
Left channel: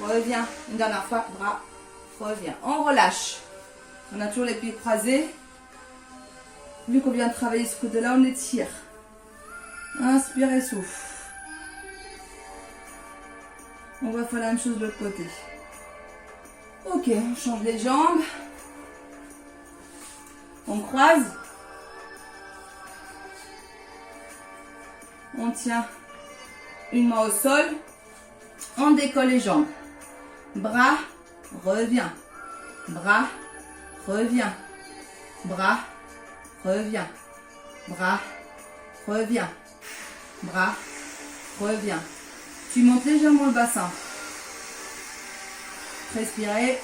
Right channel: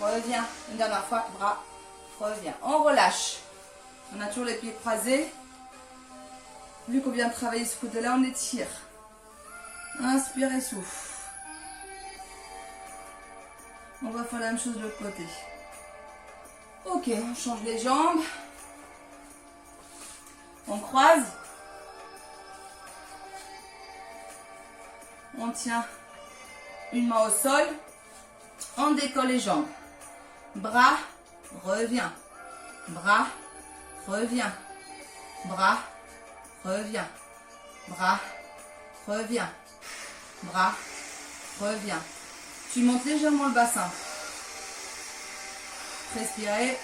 reviens. Une dernière fois, bras, reviens. On relâche. On a toujours les pieds croisés. Vu qu'on vient de travailler ce côté-là, on étire. Inspire et souffle. On va faire la même chose de l'autre côté. Ok, on change les jambes. On croise. On tient une main au sol. On décolle les jambes. Bras, reviens. Bras, reviens. Bras, reviens. Bras, reviens. Bras, reviens. Tu montes légèrement le bassin. Respirez.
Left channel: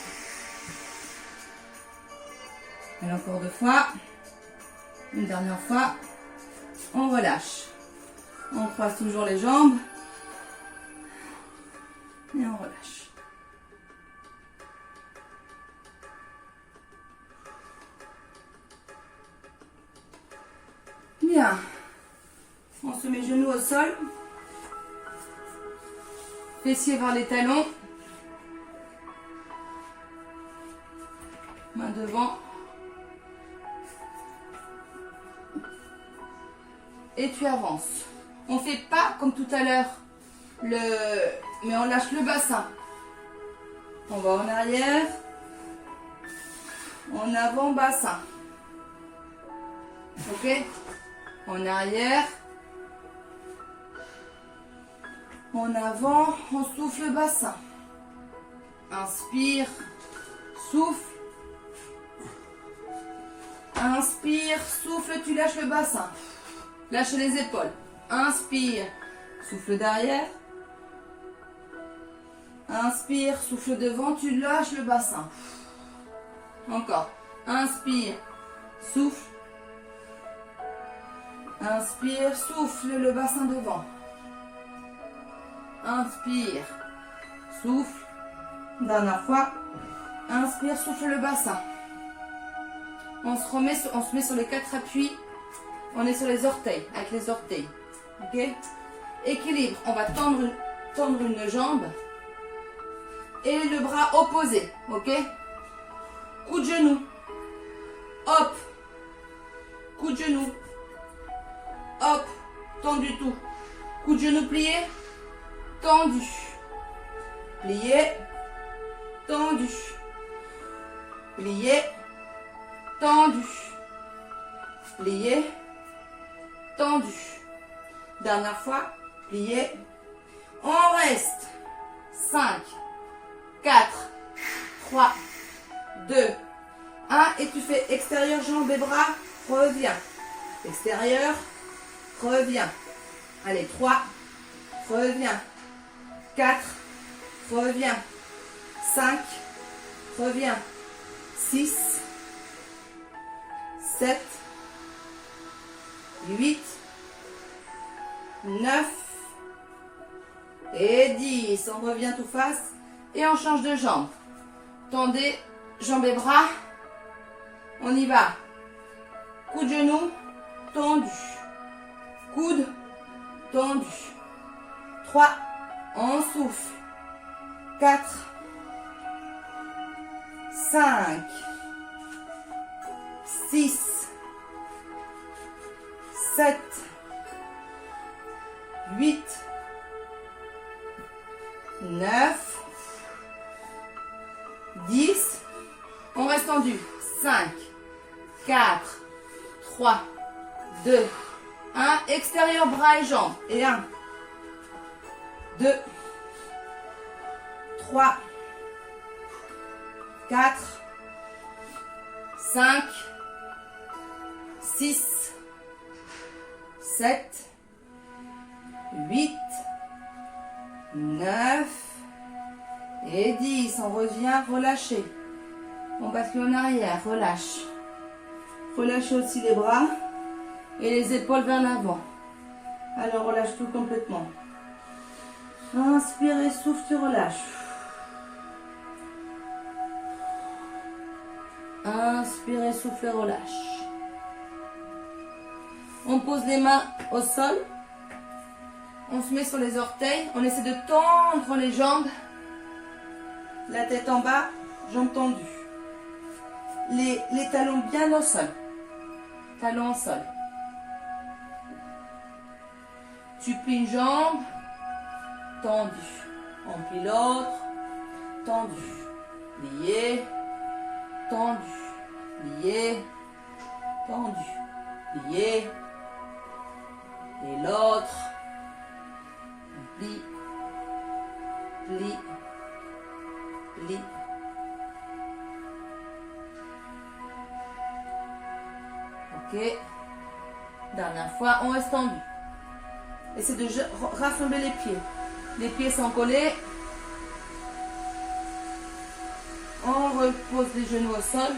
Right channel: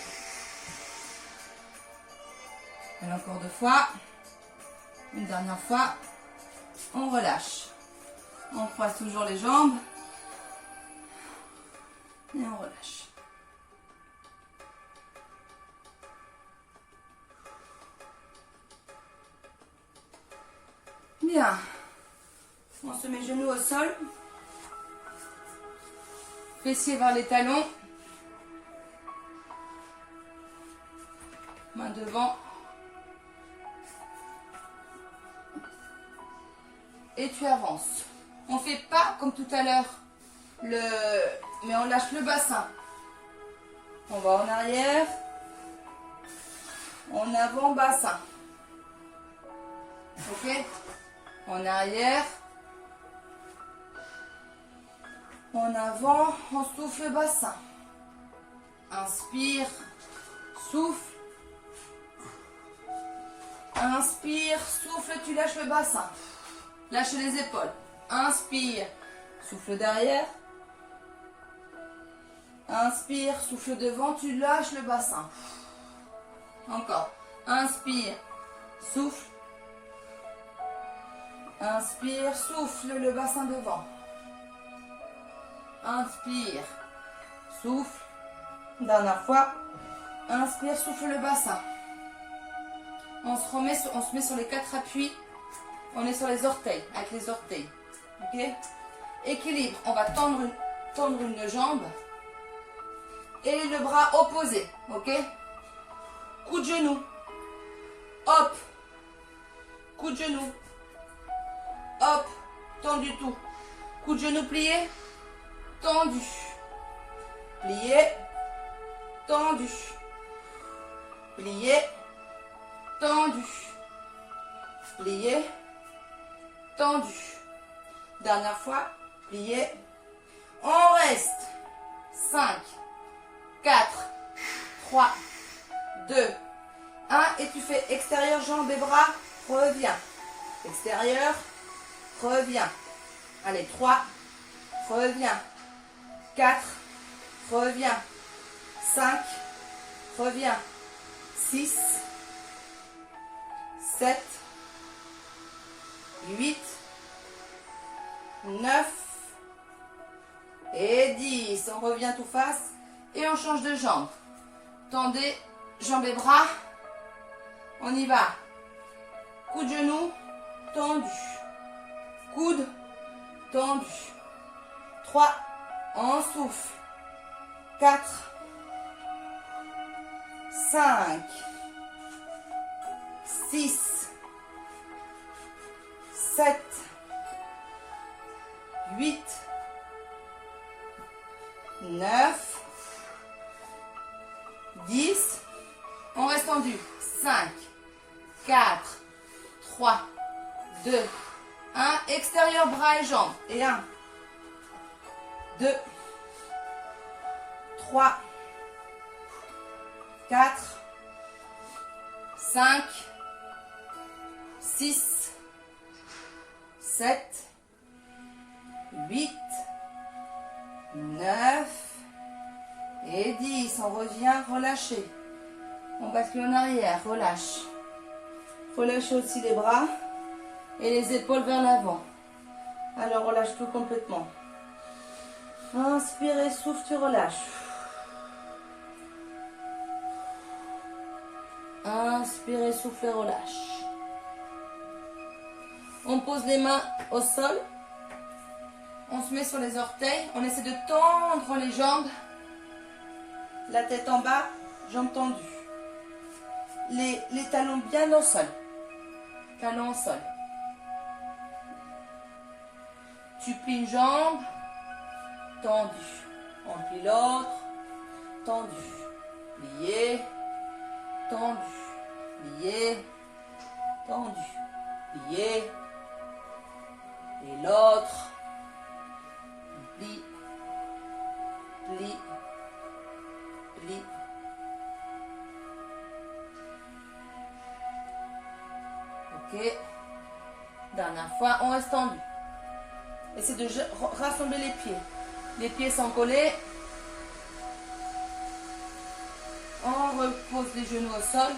Et encore 2 fois. Une dernière fois. On relâche. On croise toujours les jambes. Et on relâche. Bien. On se met genoux au sol. Fessiers vers les talons. Main devant. Et tu avances. On ne fait pas comme tout à l'heure, mais on lâche le bassin. On va en arrière. En avant, bassin. Ok? En arrière. En avant, on souffle le bassin. Inspire, souffle. Inspire, souffle, tu lâches le bassin. Lâche les épaules. Inspire, souffle derrière. Inspire, souffle devant, tu lâches le bassin. Encore. Inspire, souffle. Inspire, souffle le bassin devant. Inspire, souffle. Dernière fois. Inspire, souffle le bassin. On se met sur les 4 appuis. On est sur les orteils, avec les orteils. Ok? Équilibre. On va tendre une jambe. Et le bras opposé. Ok? Coup de genou. Hop. Coup de genou. Hop. Tendu tout. Coup de genou plié. Tendu. Plié. Tendu. Plié. Tendu. Plié. Tendu. Dernière fois. Plié. On reste. 5, 4, 3, 2, 1. Et tu fais extérieur, jambes et bras. Reviens. Extérieur. Reviens. Allez, 3. Reviens. 4. Reviens. 5. Reviens. 6. 7. 8. 9. Et 10. On revient tout face. Et on change de jambe. Tendez jambes et bras. On y va. Coup de genou. Tendu. Coude. Tendu. 3. On souffle. 4. 5. 6. 7. 8. 9. 10. On reste tendu. 5. 4. 3. 2. 1. Extérieur, bras et jambes. Et 1. 2. 3. 4. 5. 6. 7. 8. 9. Et 10. On revient, relâchez. On bascule en arrière, relâche. Relâchez aussi les bras et les épaules vers l'avant. Alors relâche tout complètement. Inspire et souffle, tu relâches. Inspirez, soufflez, relâche. On pose les mains au sol. On se met sur les orteils. On essaie de tendre les jambes. La tête en bas, jambes tendues. Les talons bien au sol. Talons au sol. Tu plies une jambe, tendue. On plie l'autre, tendu. Plié, tendu. Plié, tendu. Plié. Et l'autre. On plie, plie, plie. Ok. Dernière fois, on reste tendu. Essaie de rassembler les pieds. Les pieds sont collés. On repose les genoux au sol.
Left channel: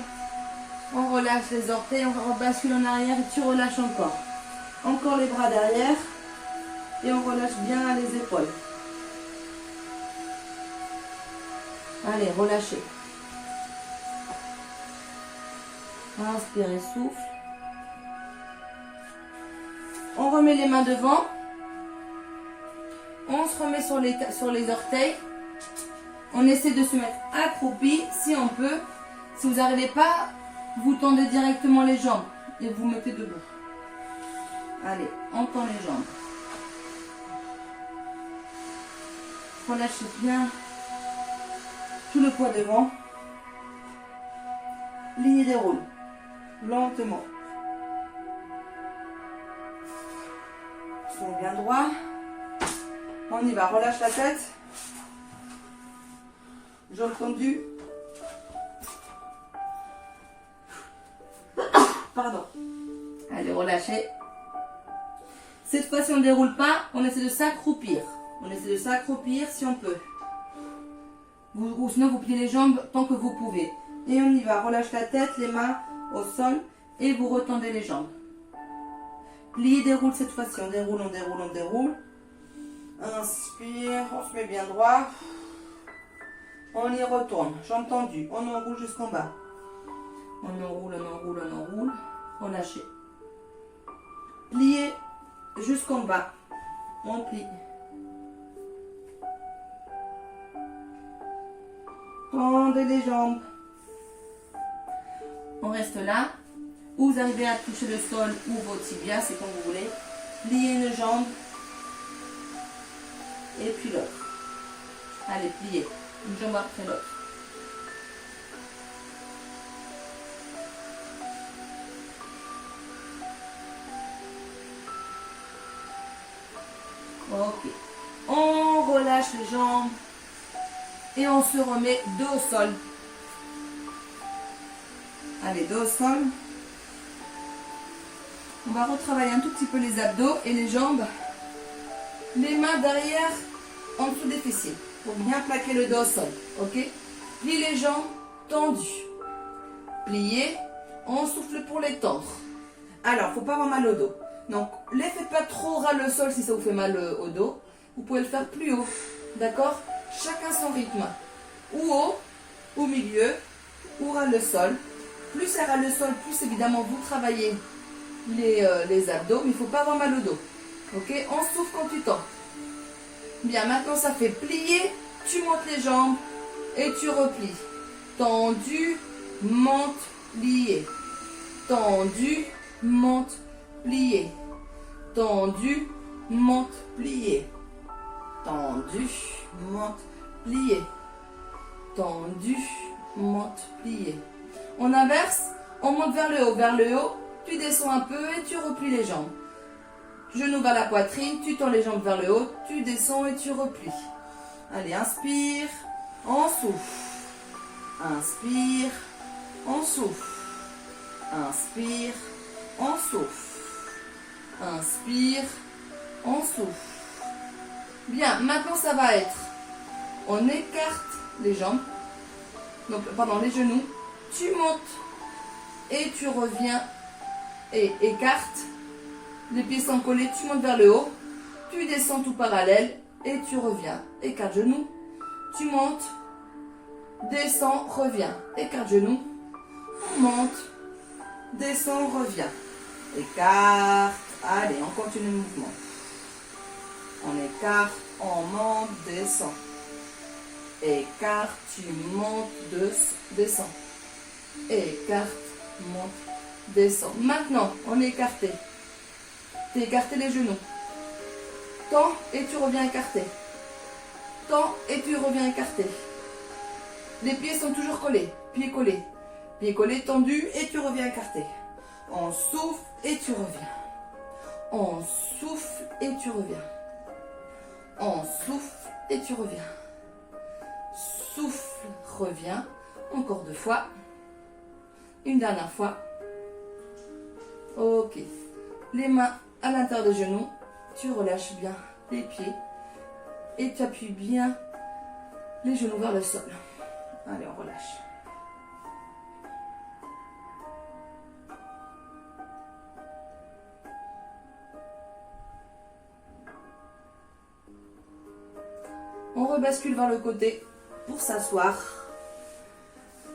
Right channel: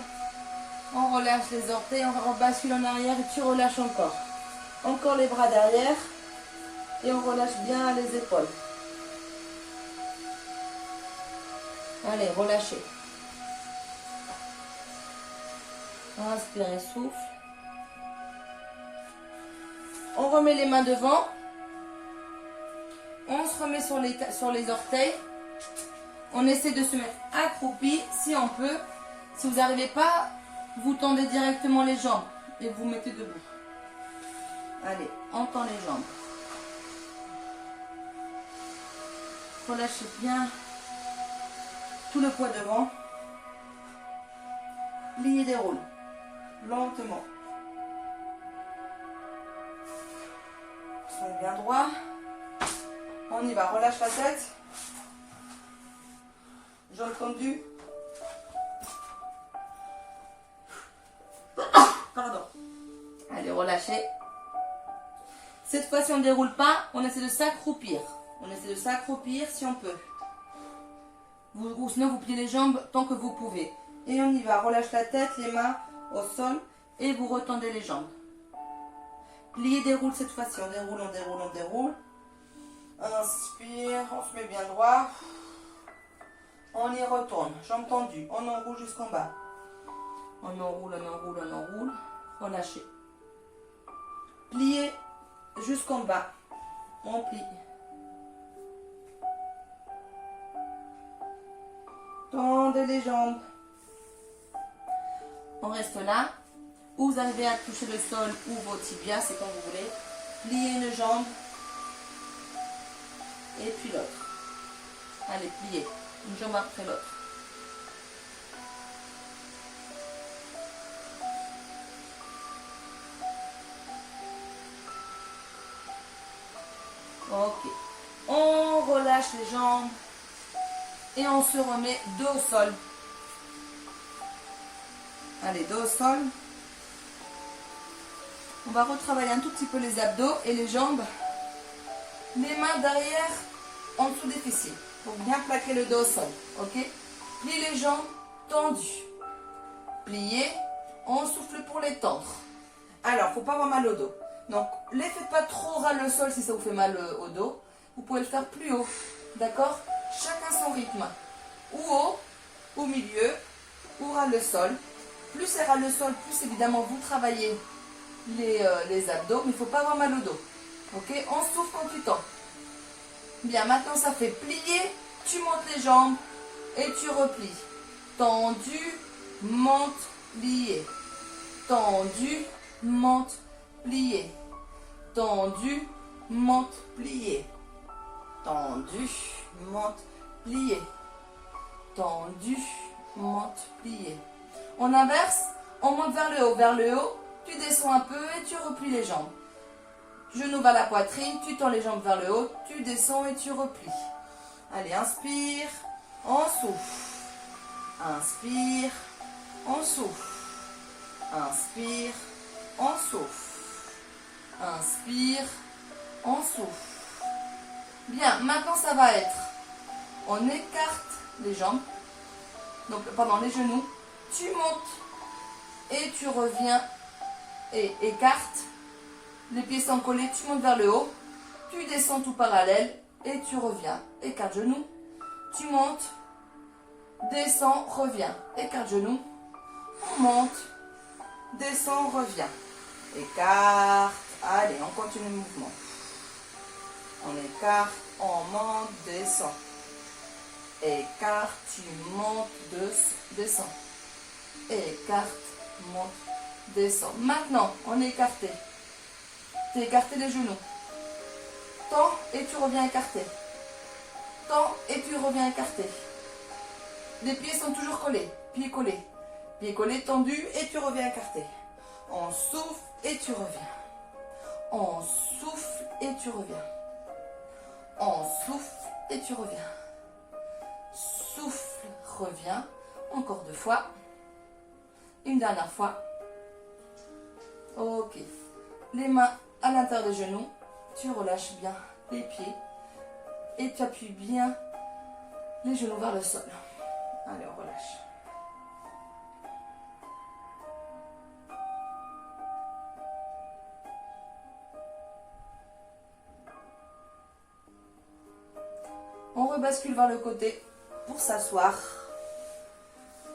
On relâche les orteils. On bascule en arrière et tu relâches encore. Encore les bras derrière. Et on relâche bien les épaules. Allez, relâchez. Inspirez, souffle. On remet les mains devant. On se remet sur les orteils. On essaie de se mettre accroupi si on peut. Si vous n'arrivez pas, vous tendez directement les jambes et vous mettez debout. Allez, on tend les jambes. Relâchez bien tout le poids devant. Pliez, déroule. Lentement. Soyez bien droit. On y va, relâche la tête. Jambes tendues. Pardon. Allez, relâchez. Cette fois-ci, on ne déroule pas, on essaie de s'accroupir. On essaie de s'accroupir si on peut. Ou sinon, vous pliez les jambes tant que vous pouvez. Et on y va, relâche la tête, les mains au sol et vous retendez les jambes. Pliez, déroule cette fois-ci. On déroule, on déroule, on déroule. Inspire, on se met bien droit. On y retourne, jambes tendues. On enroule jusqu'en bas. On enroule, on enroule, on enroule. Relâchez. Pliez jusqu'en bas. On plie. Tendez les jambes. On reste là. Ou vous arrivez à toucher le sol ou vos tibias, c'est comme vous voulez. Pliez une jambe. Et puis l'autre. Allez, pliez. Une jambe après l'autre. Ok. On relâche les jambes. Et on se remet dos au sol. Allez, dos au sol. On va retravailler un tout petit peu les abdos et les jambes. Les mains derrière, en dessous des fessiers. Pour bien plaquer le dos au sol. Ok? Pliez les jambes tendues. Pliez. On souffle pour les tendre. Alors, il ne faut pas avoir mal au dos. Donc, ne les faites pas trop ras le sol si ça vous fait mal au dos. Vous pouvez le faire plus haut. D'accord? Chacun son rythme. Ou haut, au milieu, ou ras le sol. Plus c'est ras le sol, plus évidemment vous travaillez les abdos. Mais il ne faut pas avoir mal au dos. Ok? On souffle quand tu tends. Bien, maintenant ça fait plier. Tu montes les jambes et tu replies. Tendu, monte, plié. Tendu, monte, plié. Tendu, monte, plié. Tendu, monte, plié. Tendu, monte, plié. On inverse, on monte vers le haut, tu descends un peu et tu replies les jambes. Genou vers la poitrine, tu tends les jambes vers le haut, tu descends et tu replies. Allez, inspire, on souffle. Inspire, on souffle. Inspire, on souffle. Inspire, on souffle. Bien, maintenant ça va être, on écarte les jambes, donc pendant les genoux, tu montes et tu reviens et écarte, les pieds sont collés, tu montes vers le haut, tu descends tout parallèle et tu reviens, écarte genoux, tu montes, descends, reviens, écarte genoux, On monte, descend, on revient. Écarte. Allez, on continue le mouvement. On écarte, on monte, descend. Écarte, tu montes, descends. Écarte, monte, descends. Maintenant, on est écarté. Tu écarté les genoux. Tends et tu reviens écarté. Tends et tu reviens écarté. Les pieds sont toujours collés. Pieds collés. Pieds collés, tendus et tu reviens écarté. On souffle et tu reviens. On souffle et tu reviens. On souffle et tu reviens. Souffle, reviens. Encore 2 fois. Une dernière fois. Ok. Les mains à l'intérieur des genoux. Tu relâches bien les pieds. Et tu appuies bien les genoux vers le sol. Allez, on relâche. On rebascule vers le côté pour s'asseoir.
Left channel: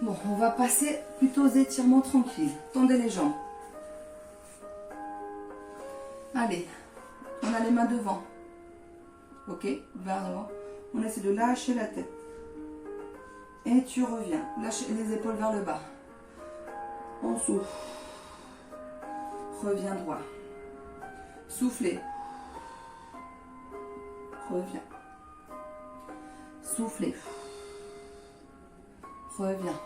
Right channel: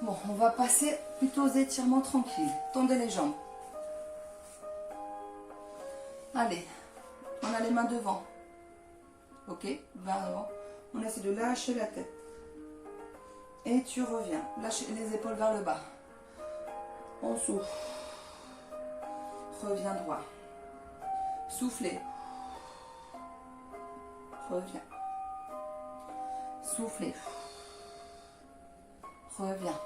Bon, on va passer plutôt aux étirements tranquilles. Tendez les jambes. Allez, on a les mains devant. Ok, vers l'avant. On essaie de lâcher la tête. Et tu reviens. Lâche les épaules vers le bas. On souffle. Reviens droit. Soufflez. Reviens. Soufflez. Reviens.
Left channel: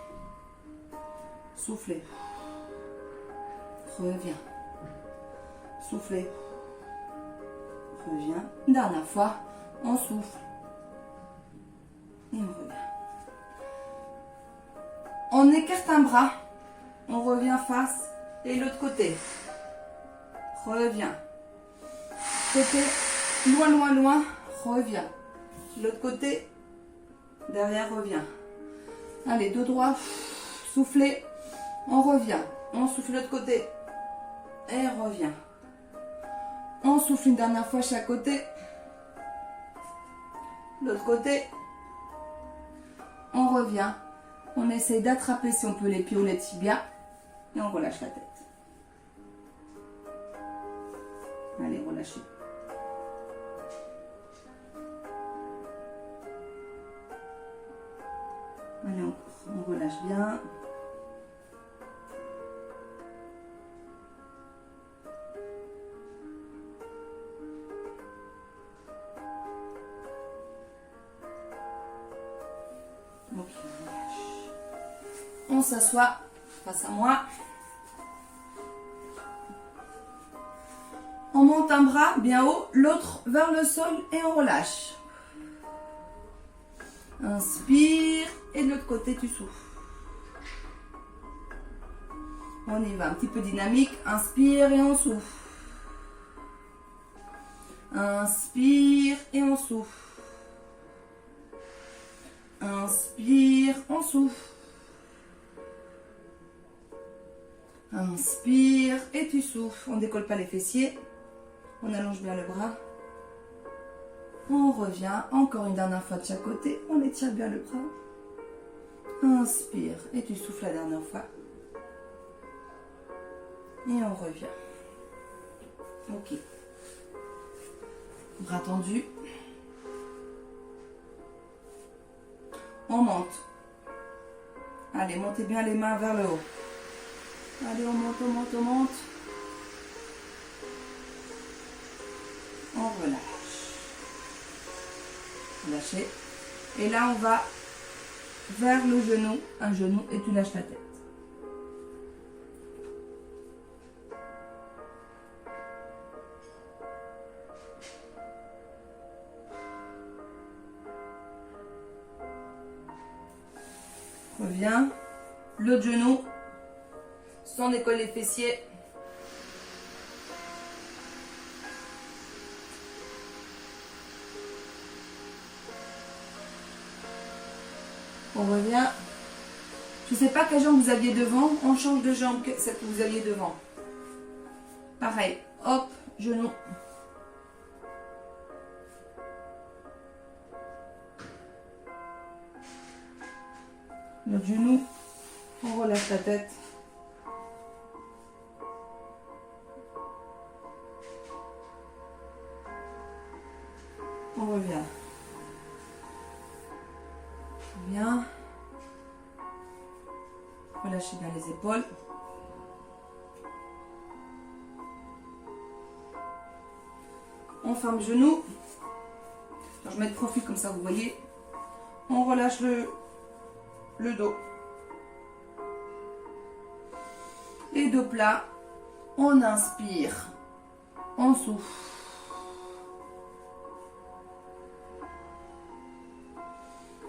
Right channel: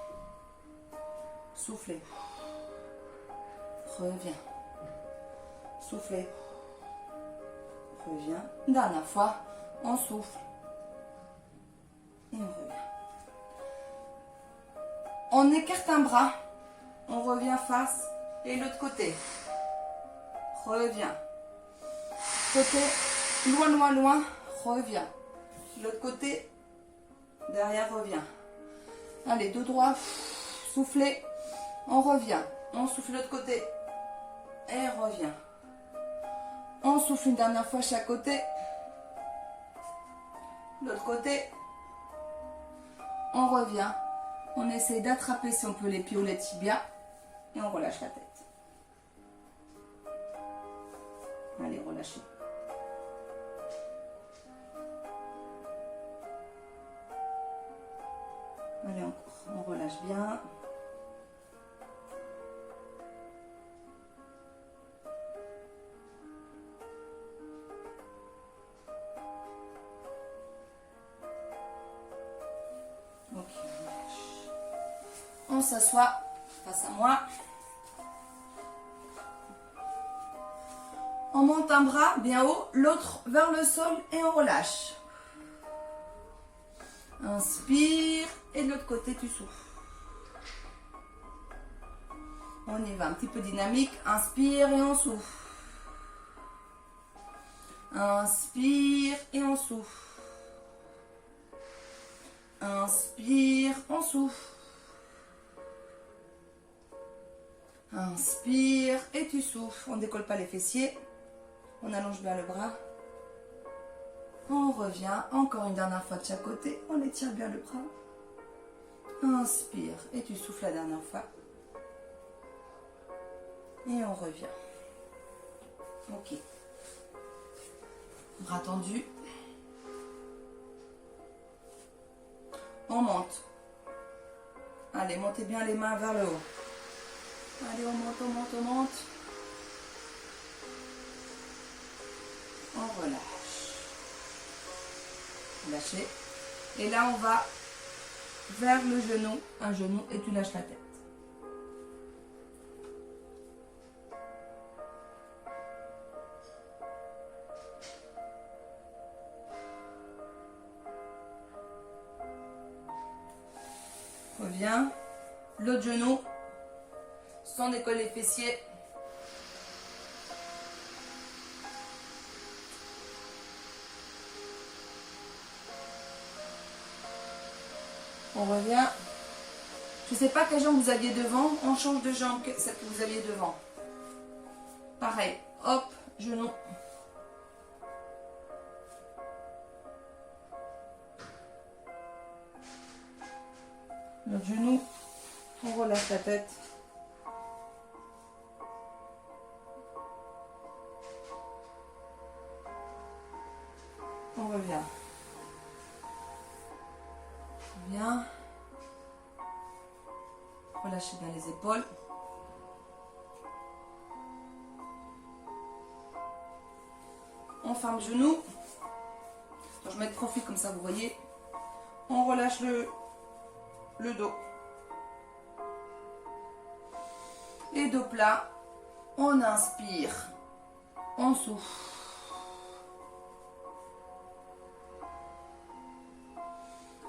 Soufflez. Reviens. Soufflez. Reviens. Une dernière fois, on souffle. Et on revient. On écarte un bras. On revient face. Et l'autre côté. Reviens. Côté. Loin, loin, loin. Reviens. L'autre côté. Derrière, reviens. Allez, dos droit. Soufflez. On revient. On souffle de l'autre côté. Et revient. On souffle une dernière fois chaque côté. L'autre côté. On revient. On essaie d'attraper si on peut les pieds ou les tibias. Et on relâche la tête. Allez, relâchez. Allez, on relâche bien. Ok, on relâche. On s'assoit face à moi. On monte un bras bien haut, l'autre vers le sol et on relâche. Inspire et de l'autre côté tu souffles. On y va, un petit peu dynamique. Inspire et on souffle. Inspire et on souffle. Inspire, on souffle. Inspire et tu souffles. On ne décolle pas les fessiers. On allonge bien le bras. On revient. Encore une dernière fois de chaque côté. On étire bien le bras. Inspire et tu souffles la dernière fois. Et on revient. Ok. Bras tendus. On monte. Allez, montez bien les mains vers le haut. Allez, on monte, on monte, on monte. On relâche. Lâchez. Et là, on va vers le genou. Un genou et tu lâches la tête. Reviens. L'autre genou. Sans décoller les fessiers. On revient. Je ne sais pas quelle jambe vous aviez devant. On change de jambe que celle que vous aviez devant. Pareil. Hop, genou. L'autre genou. On relâche la tête. On revient. Bien. Relâchez bien les épaules. On ferme le genou. Je vais mettre profil comme ça, vous voyez. On relâche le dos. Et dos plat. On inspire. On souffle.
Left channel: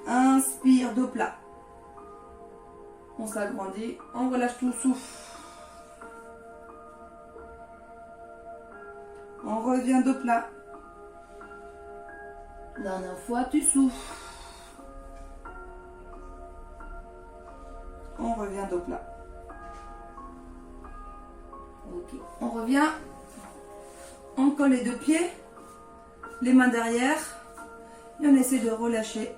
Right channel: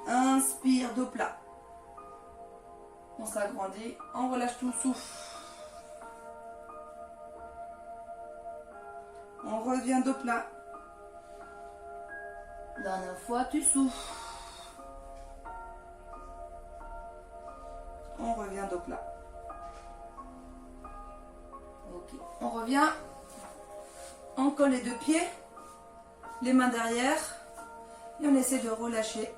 Inspire, dos plat. On s'agrandit. On relâche tout, souffle. On revient dos plat. Dernière fois, tu souffles. On revient dos plat. Ok. On revient. On colle les deux pieds. Les mains derrière. Et on essaie de relâcher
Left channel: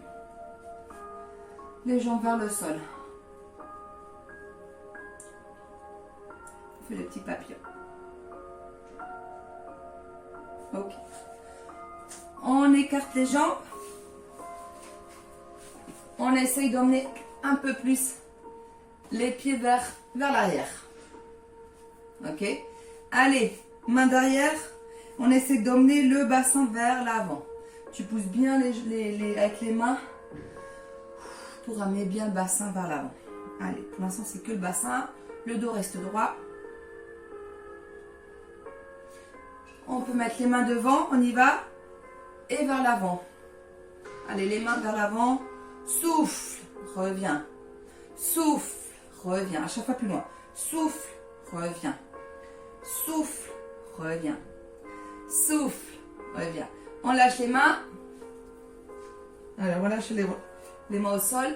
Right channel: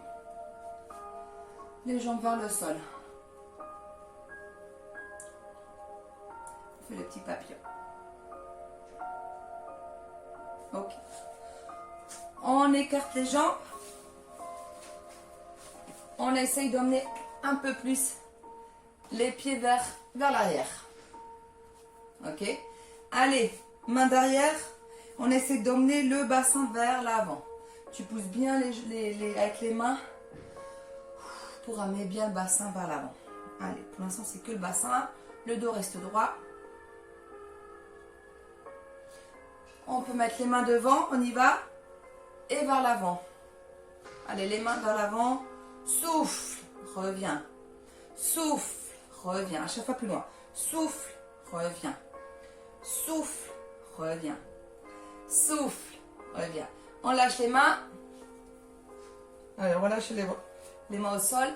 les jambes vers le sol. On fait le petit papillon. Ok. On écarte les jambes. On essaye d'emmener un peu plus les pieds vers l'arrière. Ok. Allez, main derrière. On essaie d'emmener le bassin vers l'avant. Tu pousses bien avec les mains pour amener bien le bassin vers l'avant. Allez, pour l'instant c'est que le bassin. Le dos reste droit. On peut mettre les mains devant. On y va. Et vers l'avant. Allez, les mains vers l'avant. Souffle, reviens. Souffle, reviens. À chaque fois plus loin. Souffle, reviens. Souffle, reviens. Souffle, reviens. On lâche les mains. Alors, on lâche les mains au sol.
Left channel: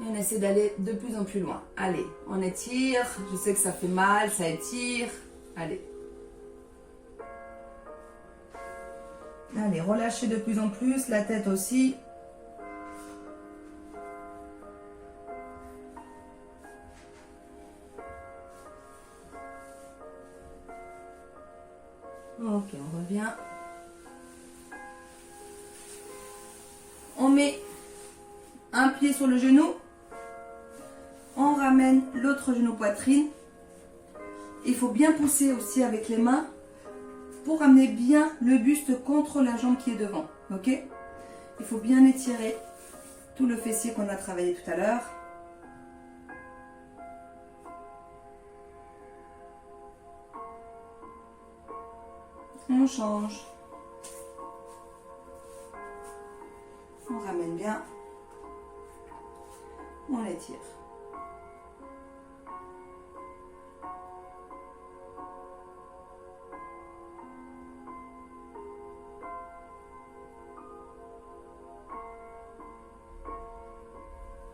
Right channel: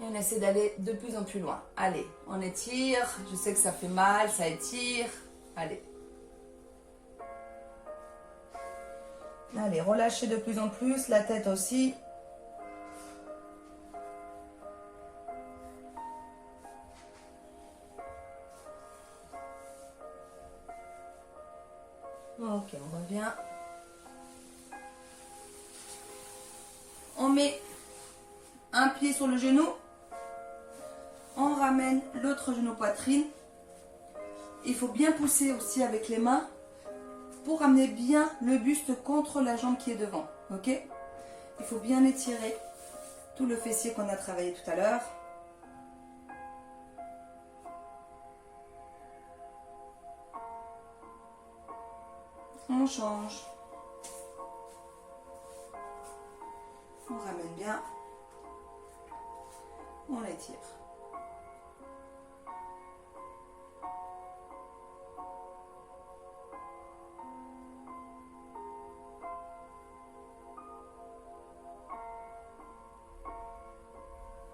Et on essaie d'aller de plus en plus loin. Allez, on étire. Je sais que ça fait mal, ça étire. Allez. Allez, relâchez de plus en plus, la tête aussi. Ok, on revient. On met un pied sur le genou. On ramène l'autre genou poitrine. Il faut bien pousser aussi avec les mains pour amener bien le buste contre la jambe qui est devant. Ok? Il faut bien étirer tout le fessier qu'on a travaillé tout à l'heure. On change. On ramène bien. On l'étire.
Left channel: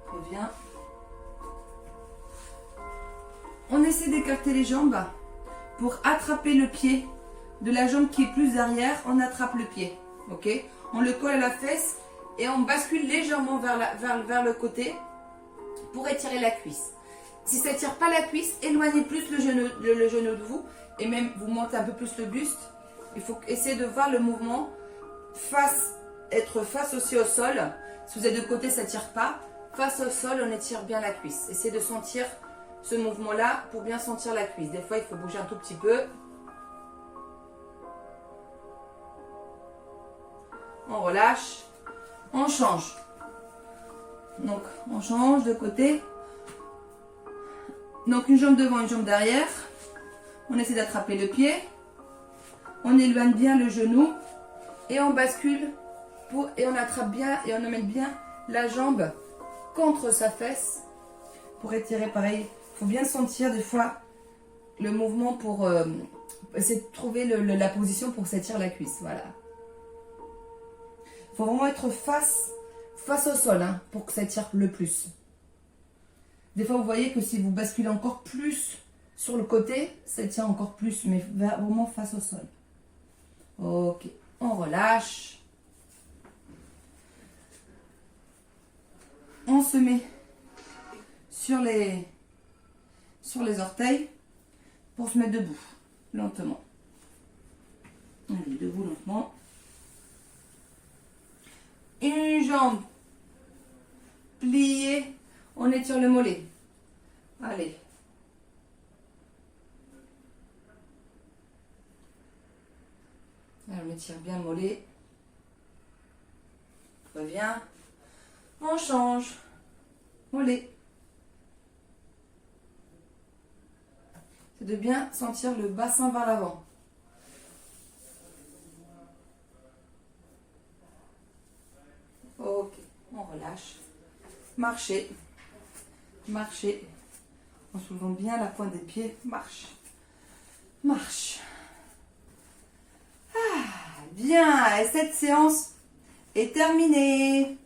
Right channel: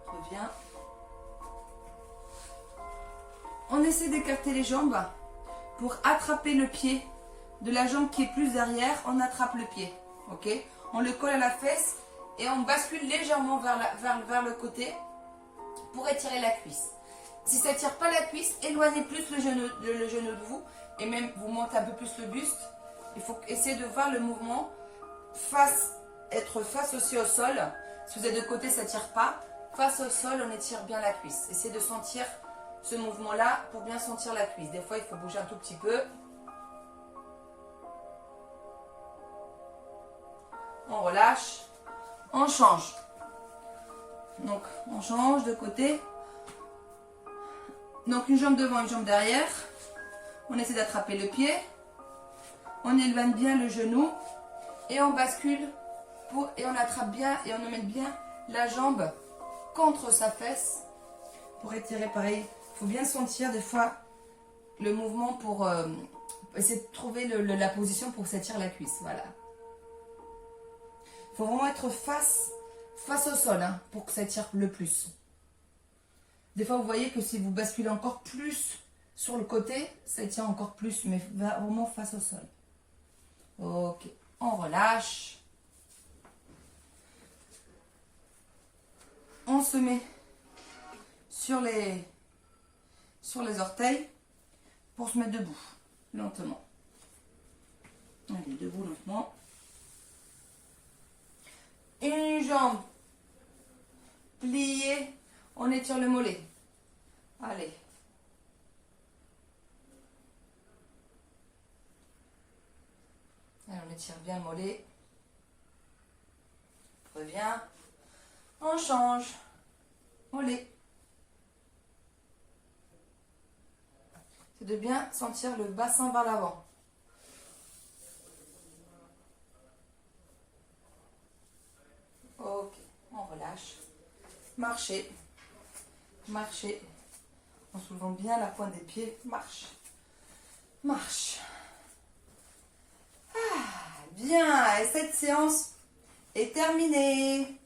Reviens. On essaie d'écarter les jambes pour attraper le pied de la jambe qui est plus derrière. On attrape le pied. Ok? On le colle à la fesse et on bascule légèrement vers le côté pour étirer la cuisse. Si ça ne tire pas la cuisse, éloignez plus le genou de vous et même vous montez un peu plus le buste. Il faut essayer de voir le mouvement être face aussi au sol. Si vous êtes de côté, ça ne tire pas. Face au sol, on étire bien la cuisse. Essayez de sentir ce mouvement-là pour bien sentir la cuisse. Des fois, il faut bouger un tout petit peu. On relâche. On change. Donc, on change de côté. Donc, une jambe devant, une jambe derrière. On essaie d'attraper le pied. On éloigne bien le genou. Et on bascule. Et on attrape bien et on emmène bien la jambe contre sa fesse. Pour étirer pareil. Il faut bien sentir des fois le mouvement pour essayer de trouver la position pour s'étirer la cuisse. Voilà. Il faut vraiment être face au sol hein, pour que ça tire le plus. Des fois, vous voyez que si vous basculez encore plus sur le côté, ça tient encore plus, mais vraiment face au sol. Ok, on relâche. On se met sur les orteils pour se mettre debout, lentement. Allez, debout lentement. Une jambe pliée. On étire le mollet. Allez. On étire bien le mollet. Reviens. On change. Mollet. C'est de bien sentir le bassin vers l'avant. Ok, on relâche. Marchez. Marchez. En soulevant bien la pointe des pieds. Marche. Marche. Ah, bien. Et cette séance est terminée.